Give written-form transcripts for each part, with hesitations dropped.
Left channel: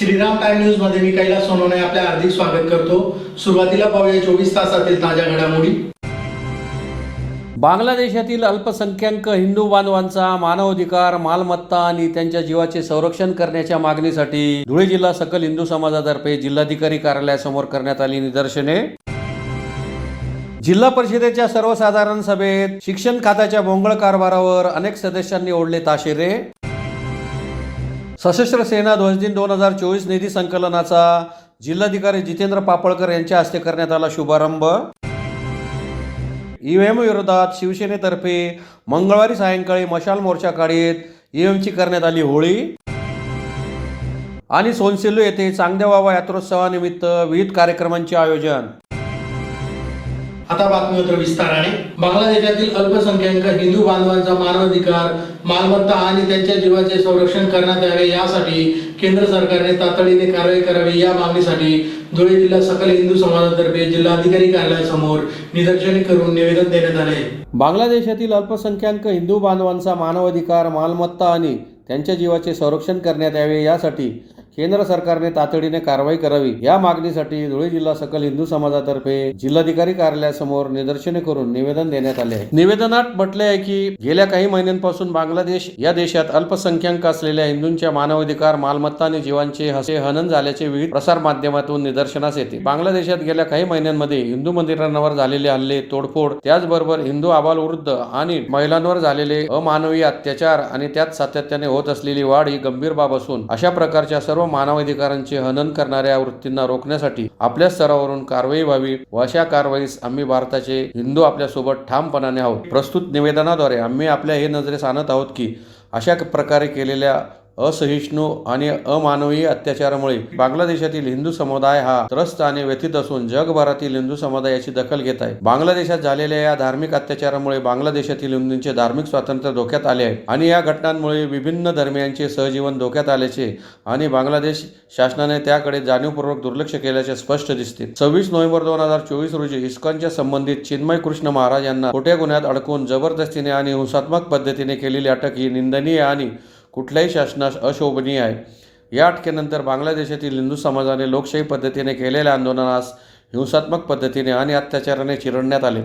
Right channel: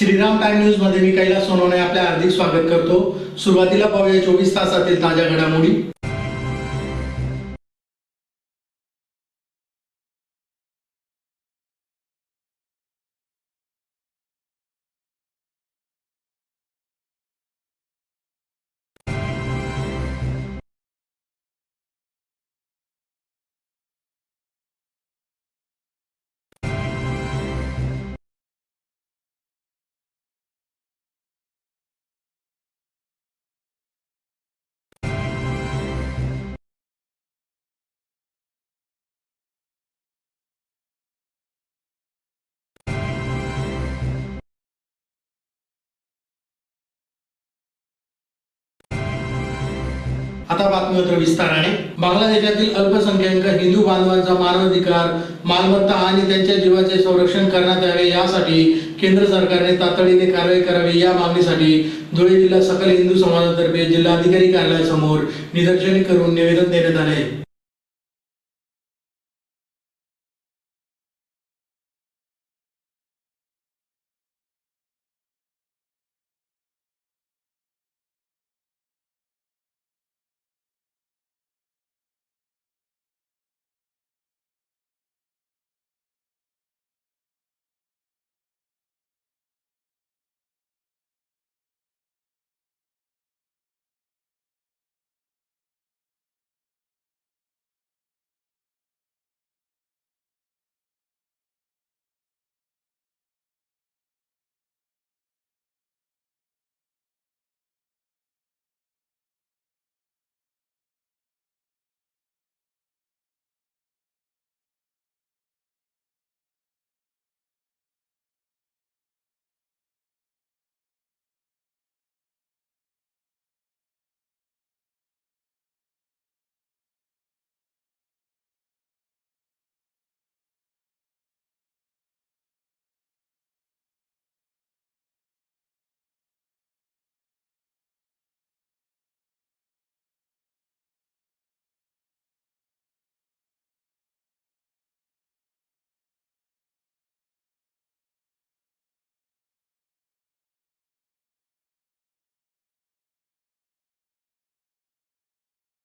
Shriram time news मध्ये मी कैलास सोनवणे आपले हार्दिक स्वागत करतो। सुरुवातीला पाहूया 24 तासातील ताज्या घडामोडी। बांगलादेशातील अल्पसंख्याक हिंदू बांधवांचा मानवाधिकार, मालमत्ता आणि त्यांच्या जीवाचे संरक्षण करण्याच्या मागणीसाठी धुळे जिल्हा सकल हिंदू समाजातर्फे जिल्हाधिकारी कार्यालयासमोर करण्यात आली निदर्शने। जिल्हा परिषदेच्या सर्वसाधारण सभेत शिक्षण खात्याच्या भोंगळ कारभारावर अनेक सदस्यांनी ओढले ताशेरे। सशस्त्र सेना ध्वज दिन 2024 निधी संकलनाचा जिल्हाधिकारी जितेंद्र पापळकर यांच्या हस्ते करण्यात आला शुभारंभ। ईव्हीएम विरोधात शिवसेनेतर्फे मंगळवारी सायंकाळी मशाल मोर्चा काढीत ईव्हीएमची करण्यात आली होळी। आणि सोनसेलू येथे चांगदेव बाबा यात्रोत्सवानिमित्त विविध कार्यक्रमांचे आयोजन। आता बातमीपत्र विस्ताराने। बांगलादेशातील अल्पसंख्याक हिंदू बांधवांचा मानवाधिकार, मालमत्ता आणि त्यांच्या जीवाचे संरक्षण करण्यात यावे यासाठी केंद्र सरकारने तातडीने कारवाई करावी या मागणीसाठी धुळे जिल्हा सकल हिंदू समाजातर्फे जिल्हाधिकारी कार्यालयासमोर निदर्शने करून निवेदन देण्यात आले। बांगलादेशातील अल्पसंख्याक हिंदू बांधवांचा मानवाधिकार, मालमत्ता आणि त्यांच्या जीवाचे संरक्षण करण्यात यावे यासाठी केंद्र सरकारने तातडीने कारवाई करावी या मागणीसाठी धुळे जिल्हा सकल हिंदू समाजातर्फे जिल्हाधिकारी कार्यालयासमोर निदर्शने करून निवेदन देण्यात आले आहे। निवेदनात म्हटले आहे की गेल्या काही महिन्यांपासून बांगलादेश या देशात अल्पसंख्याक असलेल्या हिंदूंच्या मानवाधिकार, मालमत्ता आणि जीवांचे हनन झाल्याचे विविध प्रसार माध्यमातून निदर्शनास येते। बांगलादेशात गेल्या काही महिन्यांमध्ये हिंदू मंदिरांवर झालेले हल्ले, तोडफोड, त्याचबरोबर हिंदू आबालवृद्ध आणि महिलांवर झालेले अमानवीय अत्याचार आणि त्यात सातत्याने होत असलेली वाढ ही गंभीर बाब असून अशा प्रकारच्या सर्व मानवाधिकारांचे हनन करणाऱ्या वृत्तींना रोखण्यासाठी आपल्या स्तरावरून कारवाई व्हावी व अशा कारवाईस आम्ही भारताचे हिंदू आपल्यासोबत ठामपणाने आहोत। प्रस्तुत निवेदनाद्वारे आम्ही आपल्या हे नजरेस आणत आहोत की अशा प्रकारे केलेल्या असहिष्णु आणि अमानवीय अत्याचारामुळे बांगलादेशातील हिंदू समुदाय हा त्रस्त आणि व्यथित असून जगभरातील हिंदू समुदाय याची दखल घेत आहे। बांगलादेशात झालेल्या या धार्मिक अत्याचारामुळे बांगलादेशातील हिंदूंचे धार्मिक स्वातंत्र्य धोक्यात आले आहे आणि या घटनांमुळे विभिन्न धर्मियांचे सहजीवन धोक्यात आल्याचे आणि बांगलादेश शासनाने त्याकडे जाणीवपूर्वक दुर्लक्ष केल्याचे स्पष्ट दिसते। 26 नोव्हेंबर 2024 रोजी इस्कॉनच्या संबंधित चिन्मय कृष्ण महाराज यांना खोट्या गुन्ह्यात अडकून जबरदस्तीने आणि हिंसात्मक पद्धतीने केलेली अटक ही निंदनीय आणि कुठल्याही शासनास अशोभनीय आहे। या अटकेनंतर बांगलादेशातील हिंदू समाजाने लोकशाही पद्धतीने केलेल्या आंदोलनास हिंसात्मक पद्धतीने आणि अत्याचाराने चिरडण्यात आले।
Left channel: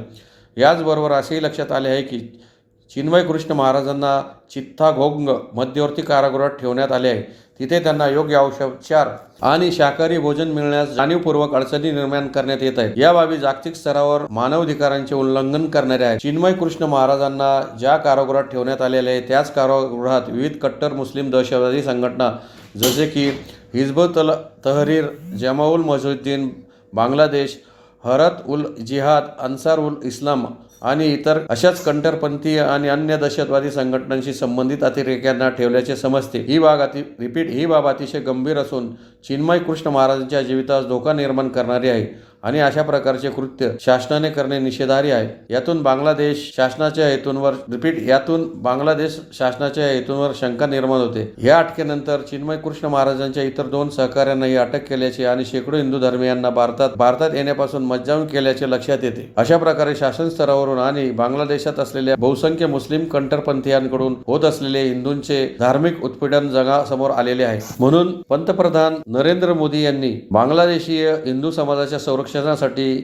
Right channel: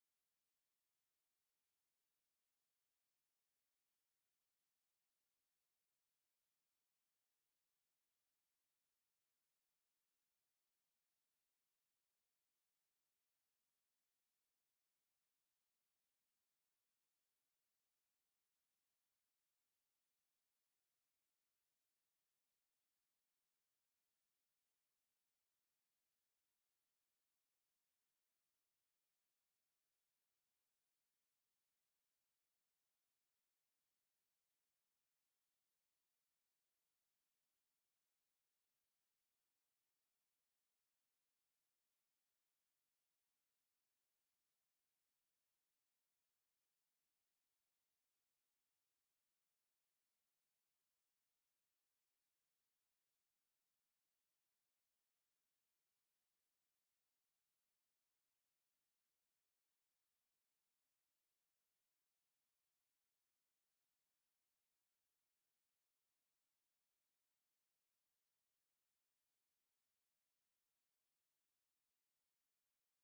याचबरोबर असेही लक्षात आले आहे की चिन्मय कृष्ण महाराजांना चित्तागोंग मध्यवर्ती कारागृहात ठेवण्यात आले आहे। तिथे त्यांना योग्य औषधोपचार आणि शाकाहारी भोजन मिळण्यास जाणीवपूर्वक अडचणी निर्माण करण्यात येत आहेत। या बाबी जागतिक स्तरावर मानवाधिकारांचे उल्लंघन करणाऱ्या आहेत। चिन्मय कृष्ण महाराजांना ज्या कारागृहात ठेवण्यात आलेले आहे त्याच कारागृहात विविध कट्टर मुस्लिम दहशतवादी संघटना जसे की हिजबुल तहरीर, जमाउल मुजाहिदीन बांगलादेश, हरत उल जिहाद, अन्सार उल इस्लाम आणि इतर अशाच कट्टरपंथी आणि अन्य दहशतवादी संघटनांशी संबंधित अतिरेक्यांना ठेवल्याचे समजते। ही बाब अतिशय गंभीर असून चिन्मय कृष्ण महाराजांच्या जीवितास धोका निर्माण करणारी आहे आणि अशा प्रकारचे कृत्य शासनाने करणे निषेधार्ह आहे। यातून बांगलादेश शासनाच्या हेतूंवर शंका निर्माण होते। या अटकेनंतर चिन्मय कृष्ण महाराजांच्या इतर 2 सहकाऱ्यांनाही अटक केल्याचे आणि शेकडो हिंदू धर्मीयांना भारतात येण्यापासून मज्जाव केल्याचे लक्षात येते। अशा प्रकारे शासन स्तरावरून आणि बांगलादेशात असलेल्या बहुसंख्य मुस्लिम कट्टरपंथीयांकडून होत असलेले हिंदूंचे धार्मिक उत्पीडन जगासमोर आलेले आहे। म्हणून पंतप्रधान नरेंद्र मोदी यांनी बांगलादेशीय हिंदू समाजाच्या संरक्षणासाठी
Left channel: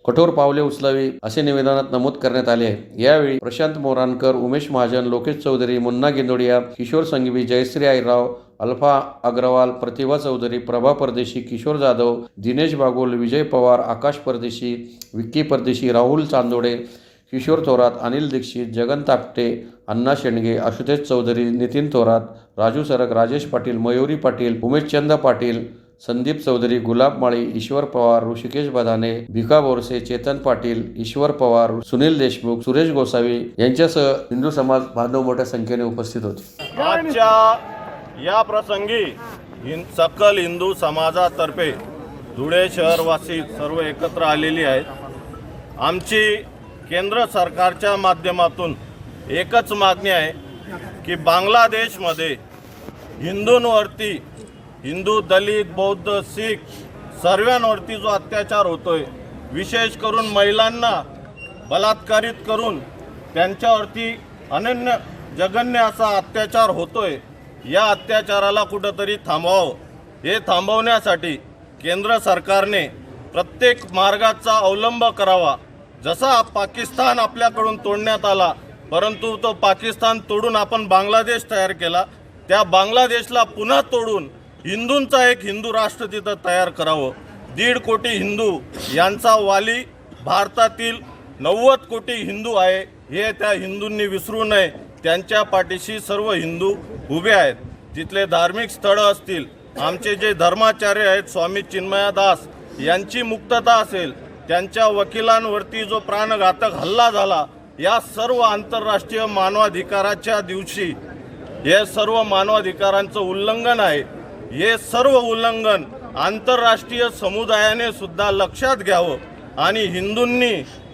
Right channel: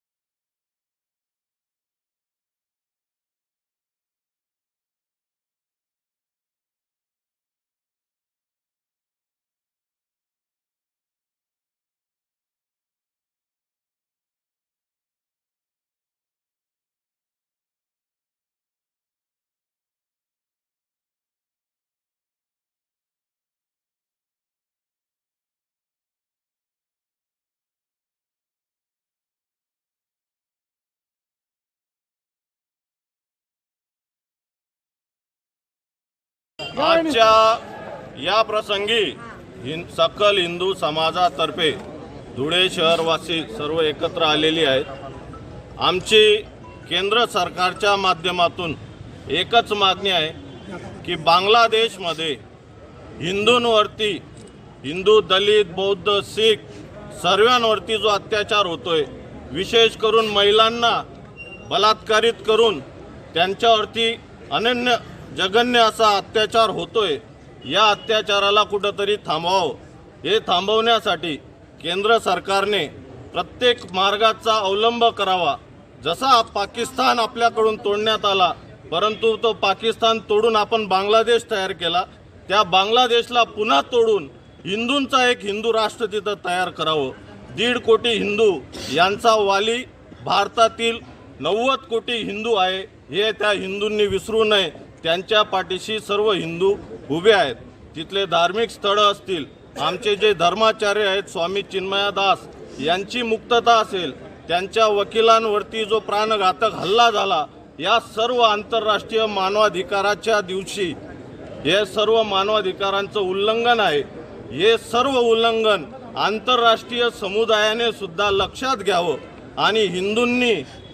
कठोर पावले उचलावी असे निवेदनात नमूद करण्यात आले आहे। यावेळी प्रशांत मोरानकर, उमेश महाजन, लोकेश चौधरी, मुन्ना गिंदोडिया, किशोर संघवी, जयश्री आईराव, अल्फा अग्रवाल, प्रतिभा चौधरी, प्रभा परदेशी, किशोर जाधव, दिनेश बागुल, विजय पवार, आकाश परदेशी, विक्की परदेशी, राहुल चांदोडे, किशोर थोरात, अनिल दीक्षित, जगन तापटे, अण्णा शेंडगे, आशुतोष चौधरी, नितीन थोरात, राजू सरक, राजेश पाटील, मयुरी पाटील, उमेशचंद पाटील, संदीप चौधरी, गुलाब माळी, ईश्वर पवार, ऋषिकेश बधाने, भिका बोरसे, चेतन पाटील, ईश्वर पवार, सुनील देशमुख, सुरेश गोसावी यांच्यासह हिंदू समाज बांधव मोठ्या संख्येने उपस्थित होते। आजच्या या प्रसंगी सकल हिंदू समाजातर्फे धुळे शहरवासी सर्व एकत्र आलेली आहेत। आमची केंद्र सरकारच्या माध्यमातून एकच मागणी आहे की बांगलादेशमध्ये हिंदूंवरती, हिंदू, दलित, बौद्ध, शीख सर्वांवरती जो अत्याचार होतोय, विशेष करून महिलांना बलात्कारित करून त्यांच्यावरती जघन्य असा अत्याचार होतोय, या अत्याचाराला कुठंतरी थांबवावं हे थांबवण्यासाठी केंद्र सरकारने प्रत्येक मार्गाचा अवलंब करावा। जसा पाकिस्तान आपल्याकडून तोडण्यात आला, परंतु तो पाकिस्तान तोडून आपण बांगलादेश तयार केला, त्या बांगलादेशला पुन्हा तोडून हिंदूंचा एक हिंदू राष्ट्र तिथं तयार करावं। 1.5 कोटी हिंदू यांचा वाली भारतातील 90 कोटी हिंदू आहे, हे त्या हिंदूंनी विसरू नये। त्यांच्या पाठीशी सर्व हिंदू उभे आहेत। तिथले धार्मिक स्थळं असतील, आमचे जे धर्माचार्य आहेत स्वामी चिन्मयादास यांची मुक्तता असेल, त्यांच्या वकिलांवरती जो प्राणघातक हल्ला झाला, या सर्व आंतरराष्ट्रीय मानवाधिकाराच्या दिवशी हे सर्व मानवाधिकारांचं उल्लंघन आहे। हे सर्व उल्लंघन आंतरराष्ट्रीय समुदायाने सुद्धा लक्षात घ्यावं आणि हिंदूंनी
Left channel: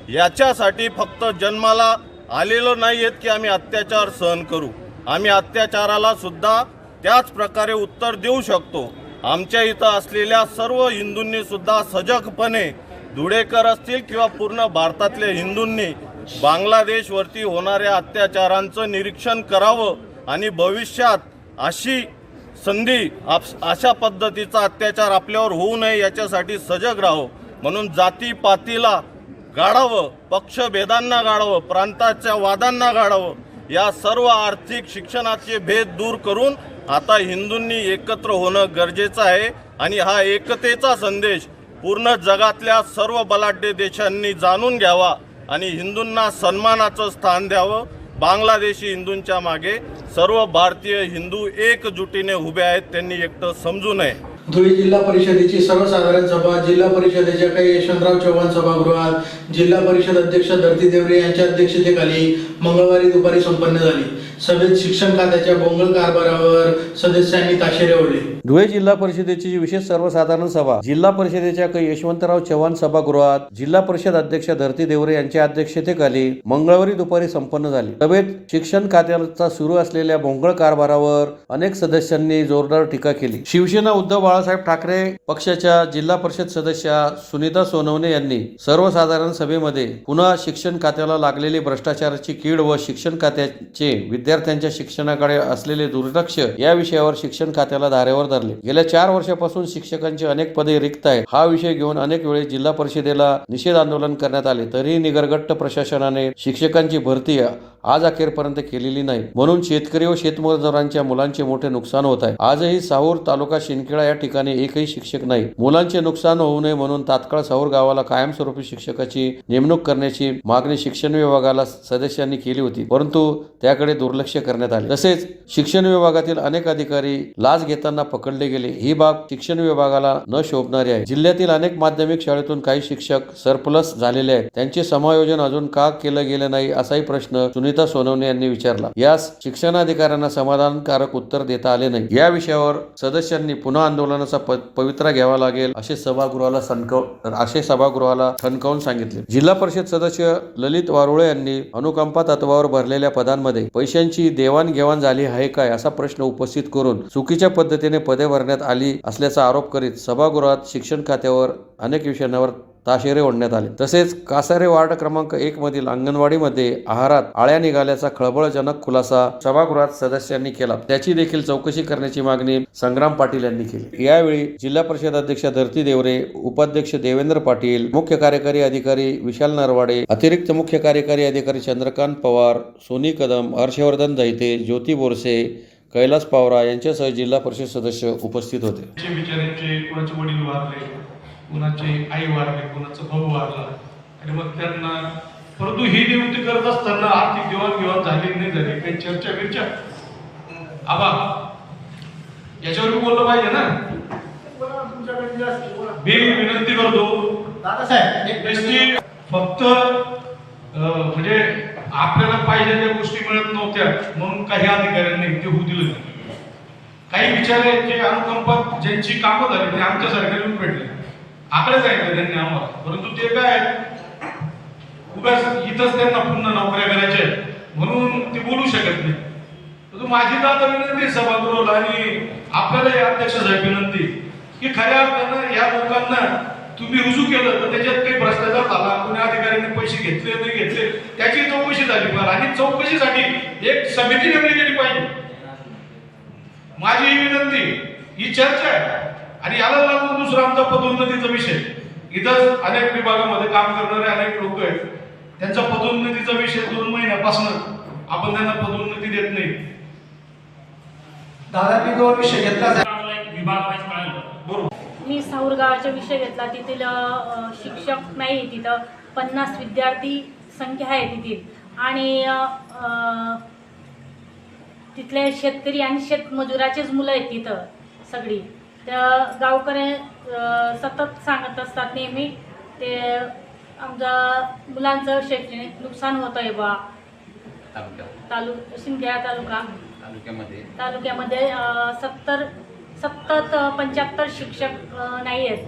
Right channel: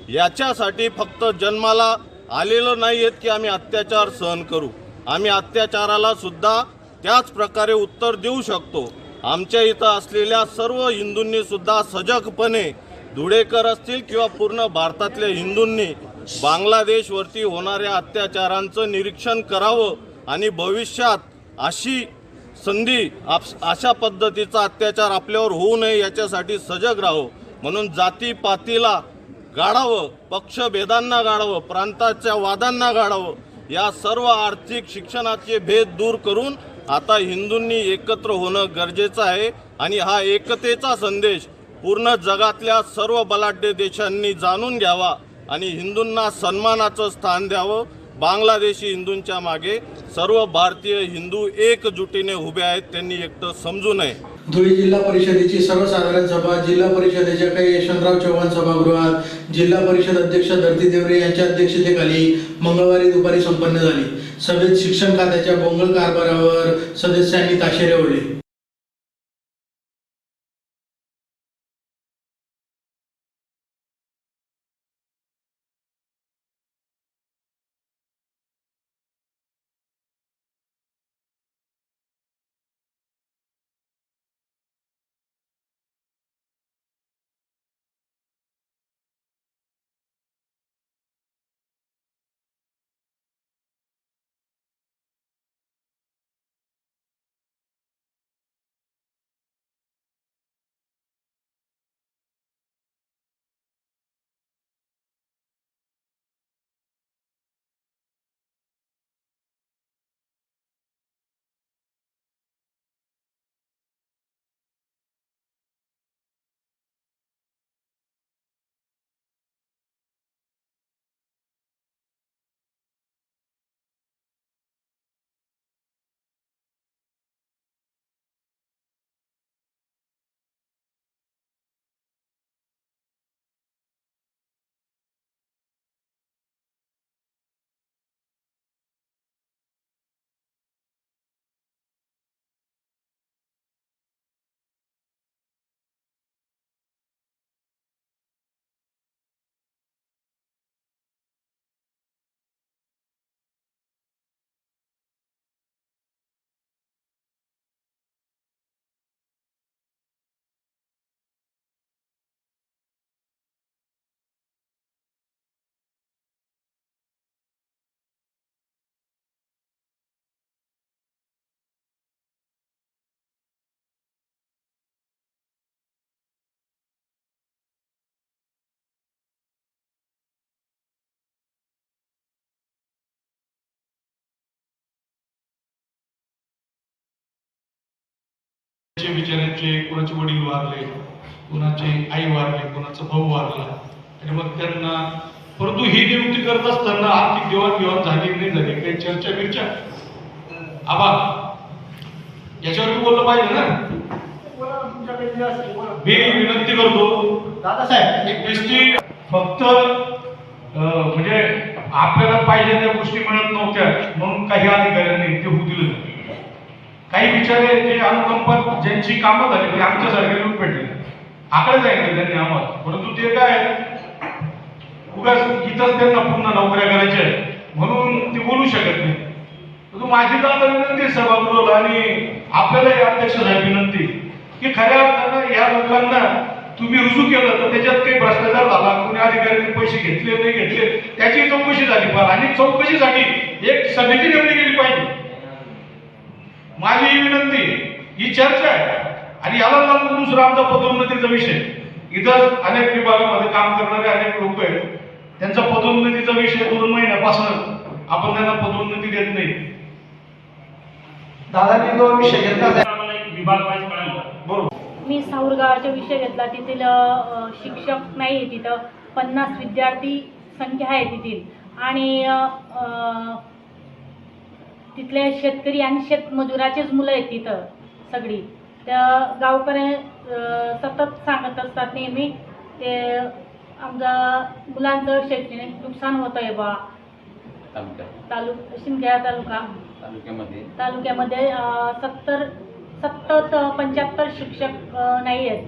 याच्यासाठी फक्त जन्माला आलेलो नाही आहेत की आम्ही अत्याचार सहन करू, आम्ही अत्याचाराला सुद्धा त्याच प्रकारे उत्तर देऊ शकतो। आमच्या इथं असलेल्या सर्व हिंदूंनी सुद्धा सजगपणे, धुळेकर असतील किंवा पूर्ण भारतातल्या हिंदूंनी बांगलादेशवरती होणाऱ्या अत्याचारांचं निरीक्षण करावं आणि भविष्यात अशी संधी अशा पद्धतीचा अत्याचार आपल्यावर होऊ नये याच्यासाठी सजग राहावं। म्हणून जातीपातीला गाडावं, पक्षभेदांना गाडावं, प्रांताच्या वादांना गाडावं, या सर्व आर्थिक शिक्षणाचे भेद दूर करून आता हिंदूंनी एकत्र होणं गरजेचं आहे आणि हा एकतेचा संदेश पूर्ण जगातल्या सर्व बलाढ्य देशांनी जाणून घ्यावा आणि हिंदूंना सन्मानाचं स्थान द्यावं। बांगलादेशी हिंदूंच्या मागे सर्व भारतीय हिंदू एकजुटीने उभे आहेत, त्यांनी एकटं समजू नये। धुळे जिल्हा परिषदेची सर्वसाधारण सभा जिल्हा परिषदेच्या काही यशवंतराव चव्हाण सभागृहात जिल्हा परिषद अध्यक्ष धरती देवरे यांच्या अध्यक्षतेखाली मंगळवारी दुपारी संपन्न झाली। सभेत शिक्षण खात्याच्या बोंगळ कारभारावर सदस्यांनी ताशेरे ओढले। धुळे जिल्हा परिषदेची विशेष सर्वसाधारण सभा जिल्हा परिषदेच्या काही यशवंतराव चव्हाण सभागृहात जिल्हा परिषद अध्यक्ष धरती देवरे यांच्या अध्यक्षतेखाली मंगळवारी दुपारी संपन्न झाली। सभेत शिक्षण खात्याचा सुरू असलेल्या बोंगळ कारभारावर अनेक सदस्यांनी जोरदार टीका केली। शिवसेना उद्धव बाळासाहेब ठाकरे पक्षाच्या जिल्हा परिषद सदस्या सुनीता सोनवणे यांनी सर्वसाधारण सभेमध्ये पुन्हा शिक्षण खात्याला लागलेली भ्रष्टाचाराची कीड व शिक्षण खात्याचे विद्यार्थ्यांच्या शिक्षणाकडे असलेले दुर्लक्ष या विषयावर शिक्षण खात्याला धारेवर धरले। गेल्या 4 वर्षापासून शिक्षकांची अनेक पदे रिक्त आहेत। हा विषय घेऊन अनेक वेळेस जिल्हा परिषदेला निषेध आंदोलन करण्यात आले, तरीही निगरगट्ट प्रशासनाने शिक्षकांची भरती आज अखेरपर्यंत केलेली नाही। म्हणून शेतकरी व शेतमजुरांच्या मुलांचे मोठे नुकसान होत आहे। आजही साहूर तालुका शिंदखेडा या ठिकाणी एकही शिक्षक नाही। मुलांचे नुकसान होऊ नये म्हणून तात्काळ साहूर गावाला कायमस्वरूपी शिक्षकाची नेमणूक करण्याची मागणी शिक्षण विभागाला सदस्यांनी केली होती, परंतु त्याकडे दुर्लक्ष करण्यात आले। तसेच शिक्षण विभागातील अनेक अधिकारी लाच घेताना पकडले गेले। ही बाब शिक्षण विभागाला न शोभणारी आहे। जिल्ह्यातील अनेक माध्यमिक शाळेतून काही शिक्षक सरप्लस झालेले आहेत, त्यांचे समायोजन अजून का केलं गेलं नाही असाही प्रश्न सुनीता सोनवणे यांनी विचारला। यास शिक्षणाधिकाऱ्यांना समाधानकारक उत्तर देता आले नाही। या विषयावर सदस्यांनी पुन्हा आंदोलनाचा पवित्रा घ्यावा लागेल असे सभागृहाला ठणकावून सांगितले। जिल्हा परिषद सदस्य ललित वारुळे यांनी अनुकंपा तत्वावर भरलेल्या पदांमध्ये पैशांची देवाणघेवाण झाली आहे काय असा प्रश्न उपस्थित करून चुकीच्या पद्धतीने पदे भरण्यात आली असल्याचा आरोप करीत सभागृहात शिक्षण खात्यावर अनेक विषयांवर ताशेरे ओढण्यात आले। तसेच कासारे वार्ड क्रमांक 1 मधील अंगणवाडीमध्ये आहारात आळ्या निघाल्याचा खळबळजनक खुलासा सभागृहात सदस्यांनी केला, त्याची देखील चौकशी करण्याची मागणी संग्राम पाटील यांनी केली। यावेळी जिल्हा परिषद अध्यक्ष धरती देवरे, उपाध्यक्ष देवेंद्र पाटील, मुख्य कार्यकारी अधिकारी विशाल नरवाडे, अतिरिक्त मुख्य कार्यकारी अधिकारी चंद्रकांत पवार, सोनी कदम, हर्षवर्धन दैते, ज्योती बोरसे, कैलास पावरा यांच्यासह जिल्हा परिषद सदस्य उपस्थित होते। विचारांचे कोणाचे वडील वारले, कोणाचे आई वारले, कोणाचा भाऊ वारला आणि मग त्यांना परंतु ही नियुक्ती करत असताना आर्थिक देवाणघेवाण झाली नाही झाली काही चर्चा बिर्चा आबा याच्यावर बोललं पाहिजे ना। मी विनंती करतो दादासाहेब, फक्त म्हणजे आपल्याला पाहिजे त्या गोष्टी मिळत नव्हत्या म्हणून काही अधिकाऱ्यांनी ते होऊ दिलं। काही विचारे ते अनुकंपात ज्यांची कामं झाली म्हणजे आमच्यासारखे लोक भेटले आकडे सांगितले त्यांनी आम्हाला, परंतु ते काय उगाच इथंच त्यांना पूर्ण नोकऱ्या करायच्या म्हणून ते बोलू शकत नाही। परंतु माझी दादा विनंती सभागृहाला आणि आपल्याला अध्यक्ष साहेब विनंती की खऱ्या अर्थानं या लोकांना तुम्ही रुजू केलं तर त्याच्यात काही भ्रष्टाचार झाला, कोणी अधिकाऱ्यांनी पैसे घेतले नाही घेतले त्याची चौकशी झाली पाहिजे आणि चौकशीसाठी एक समिती नेमली गेली पाहिजे। माझी ही विनंती, ही चर्चा आहे आणि याला लागून दुसरा आमचा पदोन्नतीचा विषय. इथं अनेक विभागामध्ये काम करणारे अनेक लोक आहेत, त्यांचा पदोन्नतीचा विषय 2 महिन्यापासून आपण त्यांना पदोन्नती देत नाही. दादा मी तो विषय घेतला विभाग वाईज कळालं बरोबर. मी साऊर गावाचा विषय घेतला. तेथील शिक्षक नाही, तिथं 50 विद्यार्थी संख्या आहे तिथील. आणि तिथले शेतकरी आणि शेतमजुराचेच मुलं आहेत तिथं सगळी. त्या गावकरी सतत सांगत असतात नेहमी ते आमच्या मुलांचं शैक्षणिक नुकसान होतं आहे बा. शिंदखेडा तालुक्यामध्ये 75 शिक्षक नाही आहेत,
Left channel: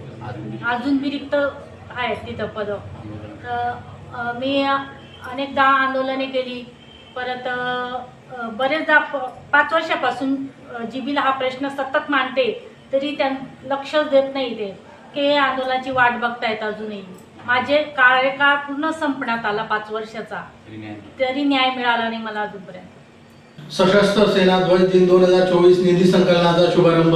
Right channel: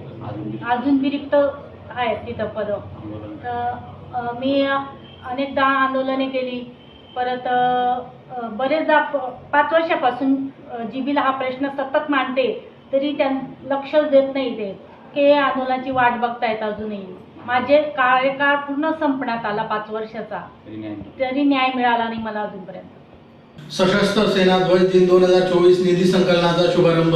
अजून बी रिक्त आहेत तिथं पद. मी अनेकदा आंदोलने केली, परत बरेचदा 5 वर्षापासून जीबीला हा प्रश्न सतत मांडते, तरी लक्षच देत नाही ते की आंदोलनाची वाट बघतायत. अजूनही माझे कार्यकाळ पूर्ण संपण्यात आला 5 वर्षाचा, तरी न्याय मिळाला नाही मला अजूनपर्यंत. सशस्त्र सेना ध्वज दिन 2024 निधी संकलनाचा शुभारंभ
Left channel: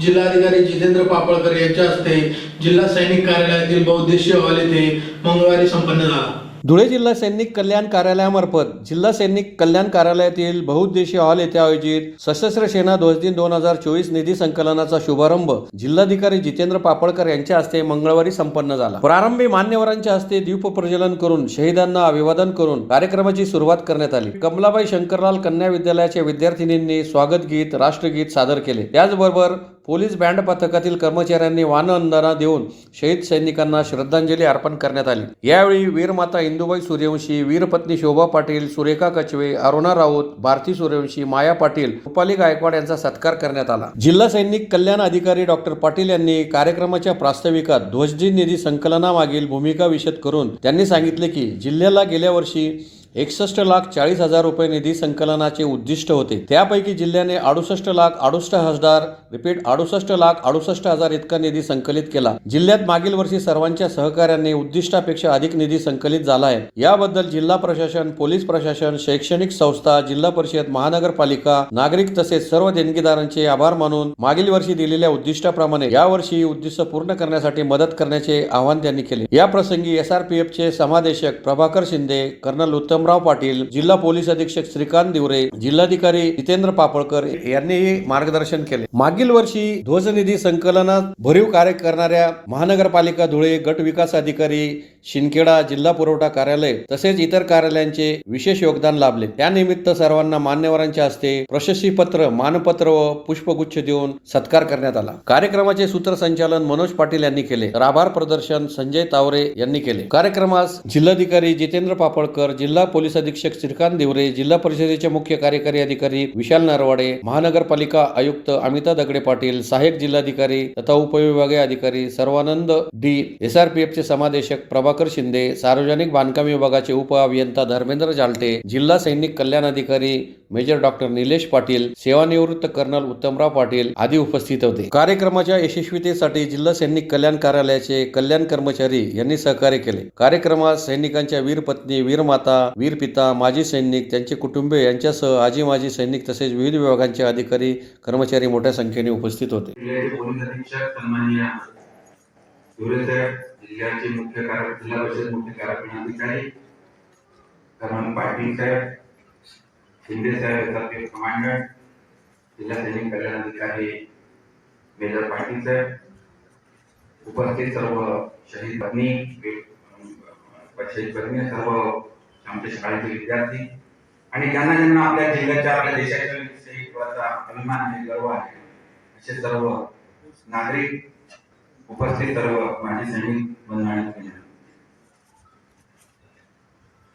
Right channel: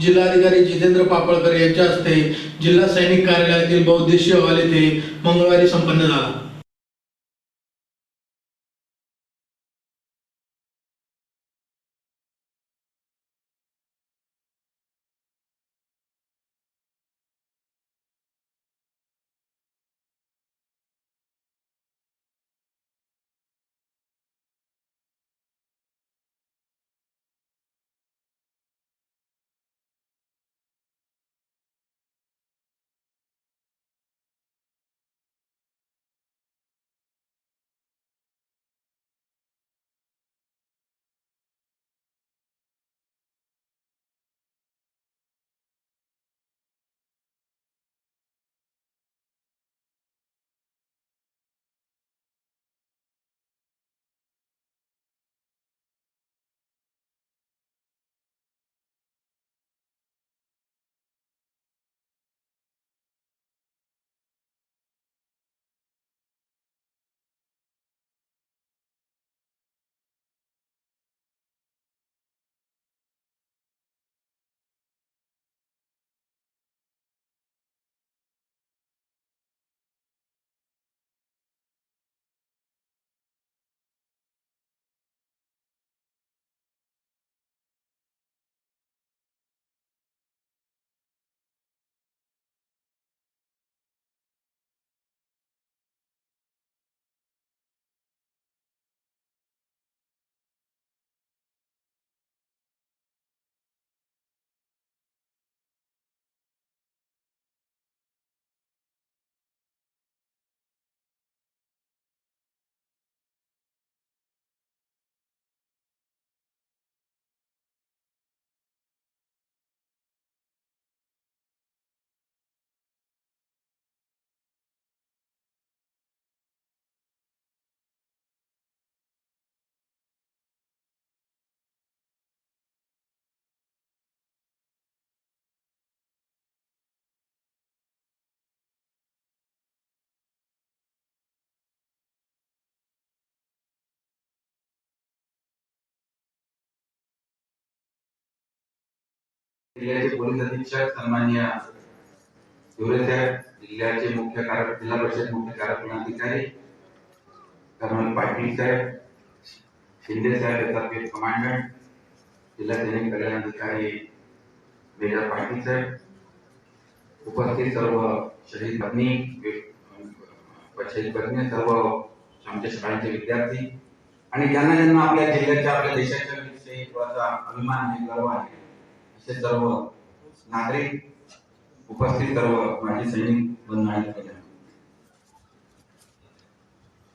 जिल्हाधिकारी जितेंद्र पापळकर यांच्या हस्ते जिल्हा सैनिक कार्यालयातील बहुउद्देशीय हॉल येथे मंगळवारी संपन्न झाला. धुळे जिल्हा सैनिक कल्याण कार्यालयामार्फत जिल्हा सैनिक कल्याण कार्यालयातील बहुउद्देशीय हॉल येथे आयोजित सशस्त्र सेना ध्वज दिन 2024 निधी संकलनाचा शुभारंभ जिल्हाधिकारी जितेंद्र पापळकर यांच्या हस्ते मंगळवारी संपन्न झाला. प्रारंभी मान्यवरांच्या हस्ते दीप प्रज्वलन करून शहीदांना अभिवादन करून कार्यक्रमाची सुरुवात करण्यात आली. कमलाबाई शंकरलाल कन्या विद्यालयाच्या विद्यार्थिनींनी स्वागत गीत, राष्ट्रगीत सादर केले. त्याचबरोबर पोलीस बँड पथकातील कर्मचाऱ्यांनी वानवंदना देऊन शहीद सैनिकांना श्रद्धांजली अर्पण करण्यात आली. यावेळी वीरमाता इंदुबाई सूर्यवंशी, वीरपत्नी शोभा पाटील, सुरेखा कचवे, अरुणा राऊत, भारती सूर्यवंशी, माया पाटील, रुपाली गायकवाड यांचा सत्कार करण्यात आला. जिल्हा सैनिक कल्याण अधिकारी डॉक्टर पाटील यांनी कार्यक्रमाच्या प्रास्ताविकात ध्वजदिन निधी संकलनामागील भूमिका विशद करून त्यांनी सांगितले की जिल्ह्याला गेल्या वर्षी 61,40,000 रुपये निधी संकलनाचे उद्दिष्ट होते. त्यापैकी जिल्ह्याने 68,68,000 इतका निधी संकलित केला. जिल्ह्यात मागील वर्षी सर्वांच्या सहकार्याने उद्दिष्टापेक्षा अधिक निधी संकलित झाला आहे. याबद्दल जिल्हा प्रशासन, पोलीस प्रशासन, शैक्षणिक संस्था, जिल्हा परिषद, महानगरपालिका, नागरिक तसेच सर्व देणगीदारांचे आभार मानून मागील वर्षी दिलेल्या उद्दिष्टाप्रमाणे यावर्षी उद्दिष्ट पूर्ण करण्यासाठी मदत करण्याचे आवाहन त्यांनी केले. या प्रसंगी SRPFचे समादेशक प्रभाकर शिंदे, कर्नल उत्तमराव पाटील, जिल्हा पोलीस अधीक्षक श्रीकांत दिवरे, जिल्हाधिकारी जितेंद्र पापळकर यांनीही मार्गदर्शन केले. मागील वर्षी ध्वजनिधी संकलनात भरीव कार्य करणाऱ्या महानगरपालिका धुळे, गट विकास अधिकारी शिंदखेडा, जिल्हा पुरवठा कार्यालय तसेच इतर कार्यालयांचे विशेष योगदान लाभले. त्यानिमित्त सर्वांना मान्यवरांच्या हस्ते प्रशस्तीपत्र, मानपत्र व पुष्पगुच्छ देऊन सत्कार करण्यात आला. कार्यक्रमाचे सूत्रसंचालन मनोज पाटील यांनी केले, तर आभार प्रदर्शन संजय तावरे यांनी केले. कार्यक्रमास जिल्हाधिकारी जितेंद्र पापळकर, जिल्हा पोलीस अधीक्षक श्रीकांत दिवरे, जिल्हा परिषदेचे मुख्य कार्यकारी अधिकारी विशाल नरवाडे, महानगरपालिका आयुक्त अमिता दगडे पाटील, सहाय्यक जिल्हाधिकारी तथा उपविभागीय अधिकारी सर्वानंद डी, SRPFचे समादेशक प्रभाकर शिंदे, सार्वजनिक बांधकाम विभागाचे उप अभियंता धर्मेंद्र जालटे, जिल्हा सैनिक कल्याण अधिकारी मेजर डॉक्टर निलेश पाटील, सेवानिवृत्त कर्नल उत्तमराव पाटील आदी उपस्थित होते. कार्यक्रमाच्या यशस्वीतेसाठी जिल्हा सैनिक कल्याण कार्यालयाचे कल्याण कर्मचारी यांनी सहकार्य केले. कार्यक्रमात सैनिकांच्या वीर पत्नी, वीर माता, वीर पिता, माजी सैनिक, त्यांचे कुटुंबीय यांच्यासह आजी माजी सैनिक तसेच विविध विभागांचे अधिकारी कर्मचारी मोठ्या संख्येने उपस्थित होते. जिल्ह्याचे पोलीस अधीक्षक सन्माननीय धुळे साहेब, जिल्ह्याचे जिल्हा परिषद मुख्य कार्यकारी अधिकारी कर्नल पाटील साहेब, शिंदे साहेब, SRPF कमांडंट, जिल्हा सैनिक कल्याण अधिकारी मेजर पाटील साहेब, उपस्थित सर्व शहीद पत्नी, सर्व आमच्या शाळेचे विद्यार्थी आणि ज्यांना ज्यांना आपल्या जिल्ह्याच्या, आपल्या देशाच्या विषयी थोडासा अभिमान आहे, गर्व आहे, असे सर्व नागरिक, उपस्थित सर्व माजी सैनिक बंधू,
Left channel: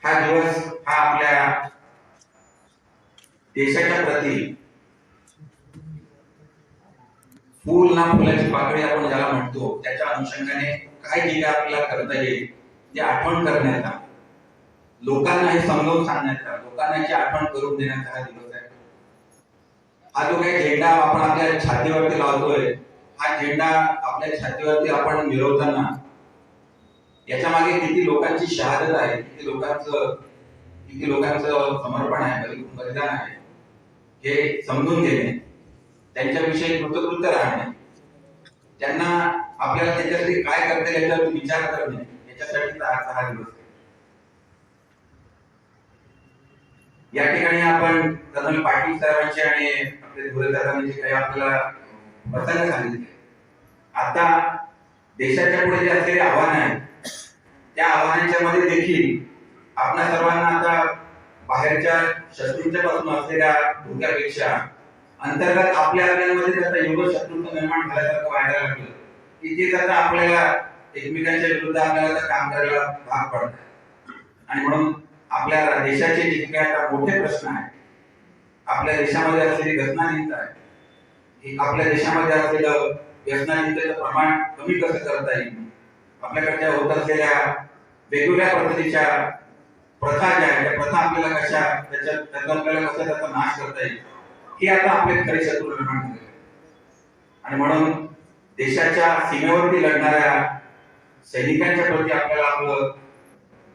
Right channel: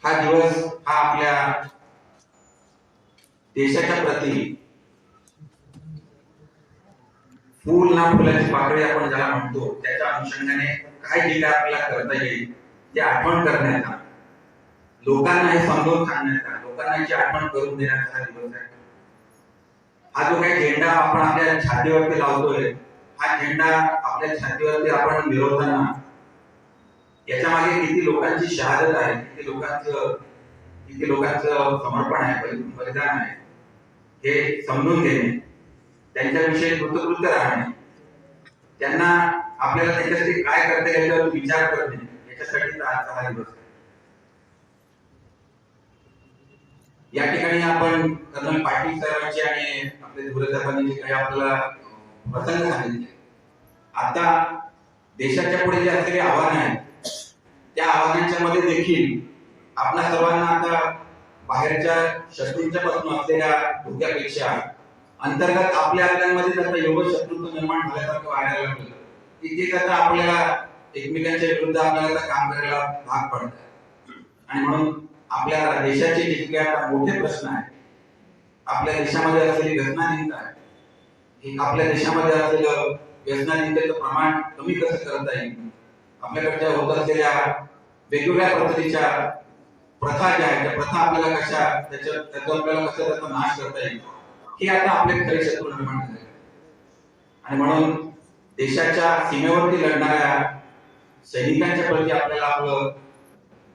हा दिवस हा आपल्या देशाच्या प्रती फूल ना फुलाची पाकळी आपण ज्याला म्हणतो, त्याच्या अनुषंगाने काय केलं आपल्याला करता येईल ते आठवण करण्याचा, लोकांना हे समजावून सांगण्याचा, लोकांना याची आठवण करून देण्याचा हा दिवस आहे. हा जो काही झेंडा आपण आपल्या छातीवरती लावतोय, हा झेंडा आपल्या छातीवरती आपण मिरवताना याच्या मागे किती लोकांची शहादत आहे, किती लोकांचं समर्पण आहे, बलिदान आहे, हे समजून घेणे, त्यांच्याविषयी कृतकृत्य राहणे त्यांना आपल्याला त्याच्यासाठी काय करता येईल याच्यावर विचार करणे, याच्यासाठी आजचा हा दिवस आहे. या ठिकाणी आपण कर्नल पाटील साहेबांचे आणि आपले धुळे साहेबांनी जे काही आपल्याला प्रसंग सांगितले, आता देशाच्या पुढे जे असलेले आव्हान आहेत त्या आव्हानांच्या मध्ये देखील आपल्या सर्वांना आता बाहेरच्या शत्रूंच्या पासून असलेल्या धोक्यापेक्षा अंतर्गत आपल्यामध्ये त्याचा एवढं शत्रुत्व निर्माण झाल्यासारखं व्हायला लागलं की ते आता आपल्याला एकमेकांच्या विरुद्ध आपल्याला काम करायला भाग पडत. आणि म्हणून आपल्या देशाचे जे काही आता मोठे प्रश्न आहेत, आपल्या देशामध्ये असलेली व्यसनाधीनता आहे, ही आपल्या देशामध्ये असलेलं व्यसनाधीनतेचं प्रमाण कमी कसं करता येईल, आपल्याकडच्या होत असलेल्या वेगवेगळ्या पद्धतीच्या प्रथा ज्या आहेत त्या प्रथा आपल्याला कशा त्याचा आपल्याला कसं त्याचा नाश करता येईल, हे आता आपले खरे शत्रू निर्माण झाले. आणि म्हणून देशाच्या सीमेवरती लढणाऱ्या सैनिकांच्या प्रती आपल्याला आपलं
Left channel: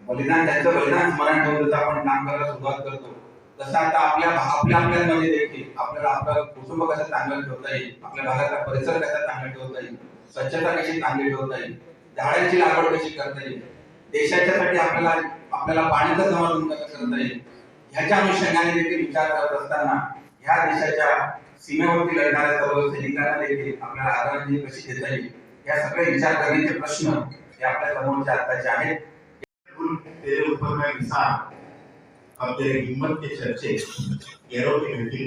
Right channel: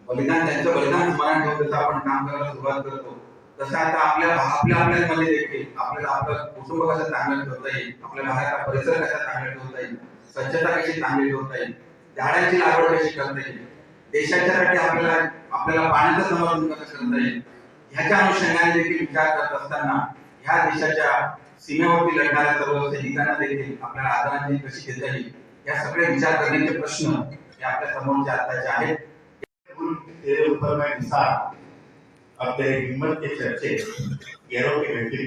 बलिदान, त्यांचं बलिदान स्मरण ठेवून जसं आपण काम करायला सुरुवात करतो, तसं आता आपल्यामध्ये देखील आपल्याला आपलं कुटुंब कसं चांगलं ठेवता येईल, आपल्या भागाचा परिसर कसा चांगला ठेवता येईल, स्वच्छता कशी चांगली ठेवता येईल, झाडांची लागवड कशी करता येईल, देशाच्यासाठी आपल्याला पाण्याचं संवर्धन कसं करता येईल, ह्याच्या अनुषंगाने देखील विचार करत असताना ह्या देशाच्या सीमेवरती लढणाऱ्या सर्व सैनिकांना देखील आपल्याला आदरांजली कशी देता येईल, या सगळे विचार करण्याचे प्रश्न हे आपल्या समोरचे आत्ताचे आहेत. तेरे ऊपर मैं निसार अब तेरे हिम्मत के चर्चे गैरों के घंटी.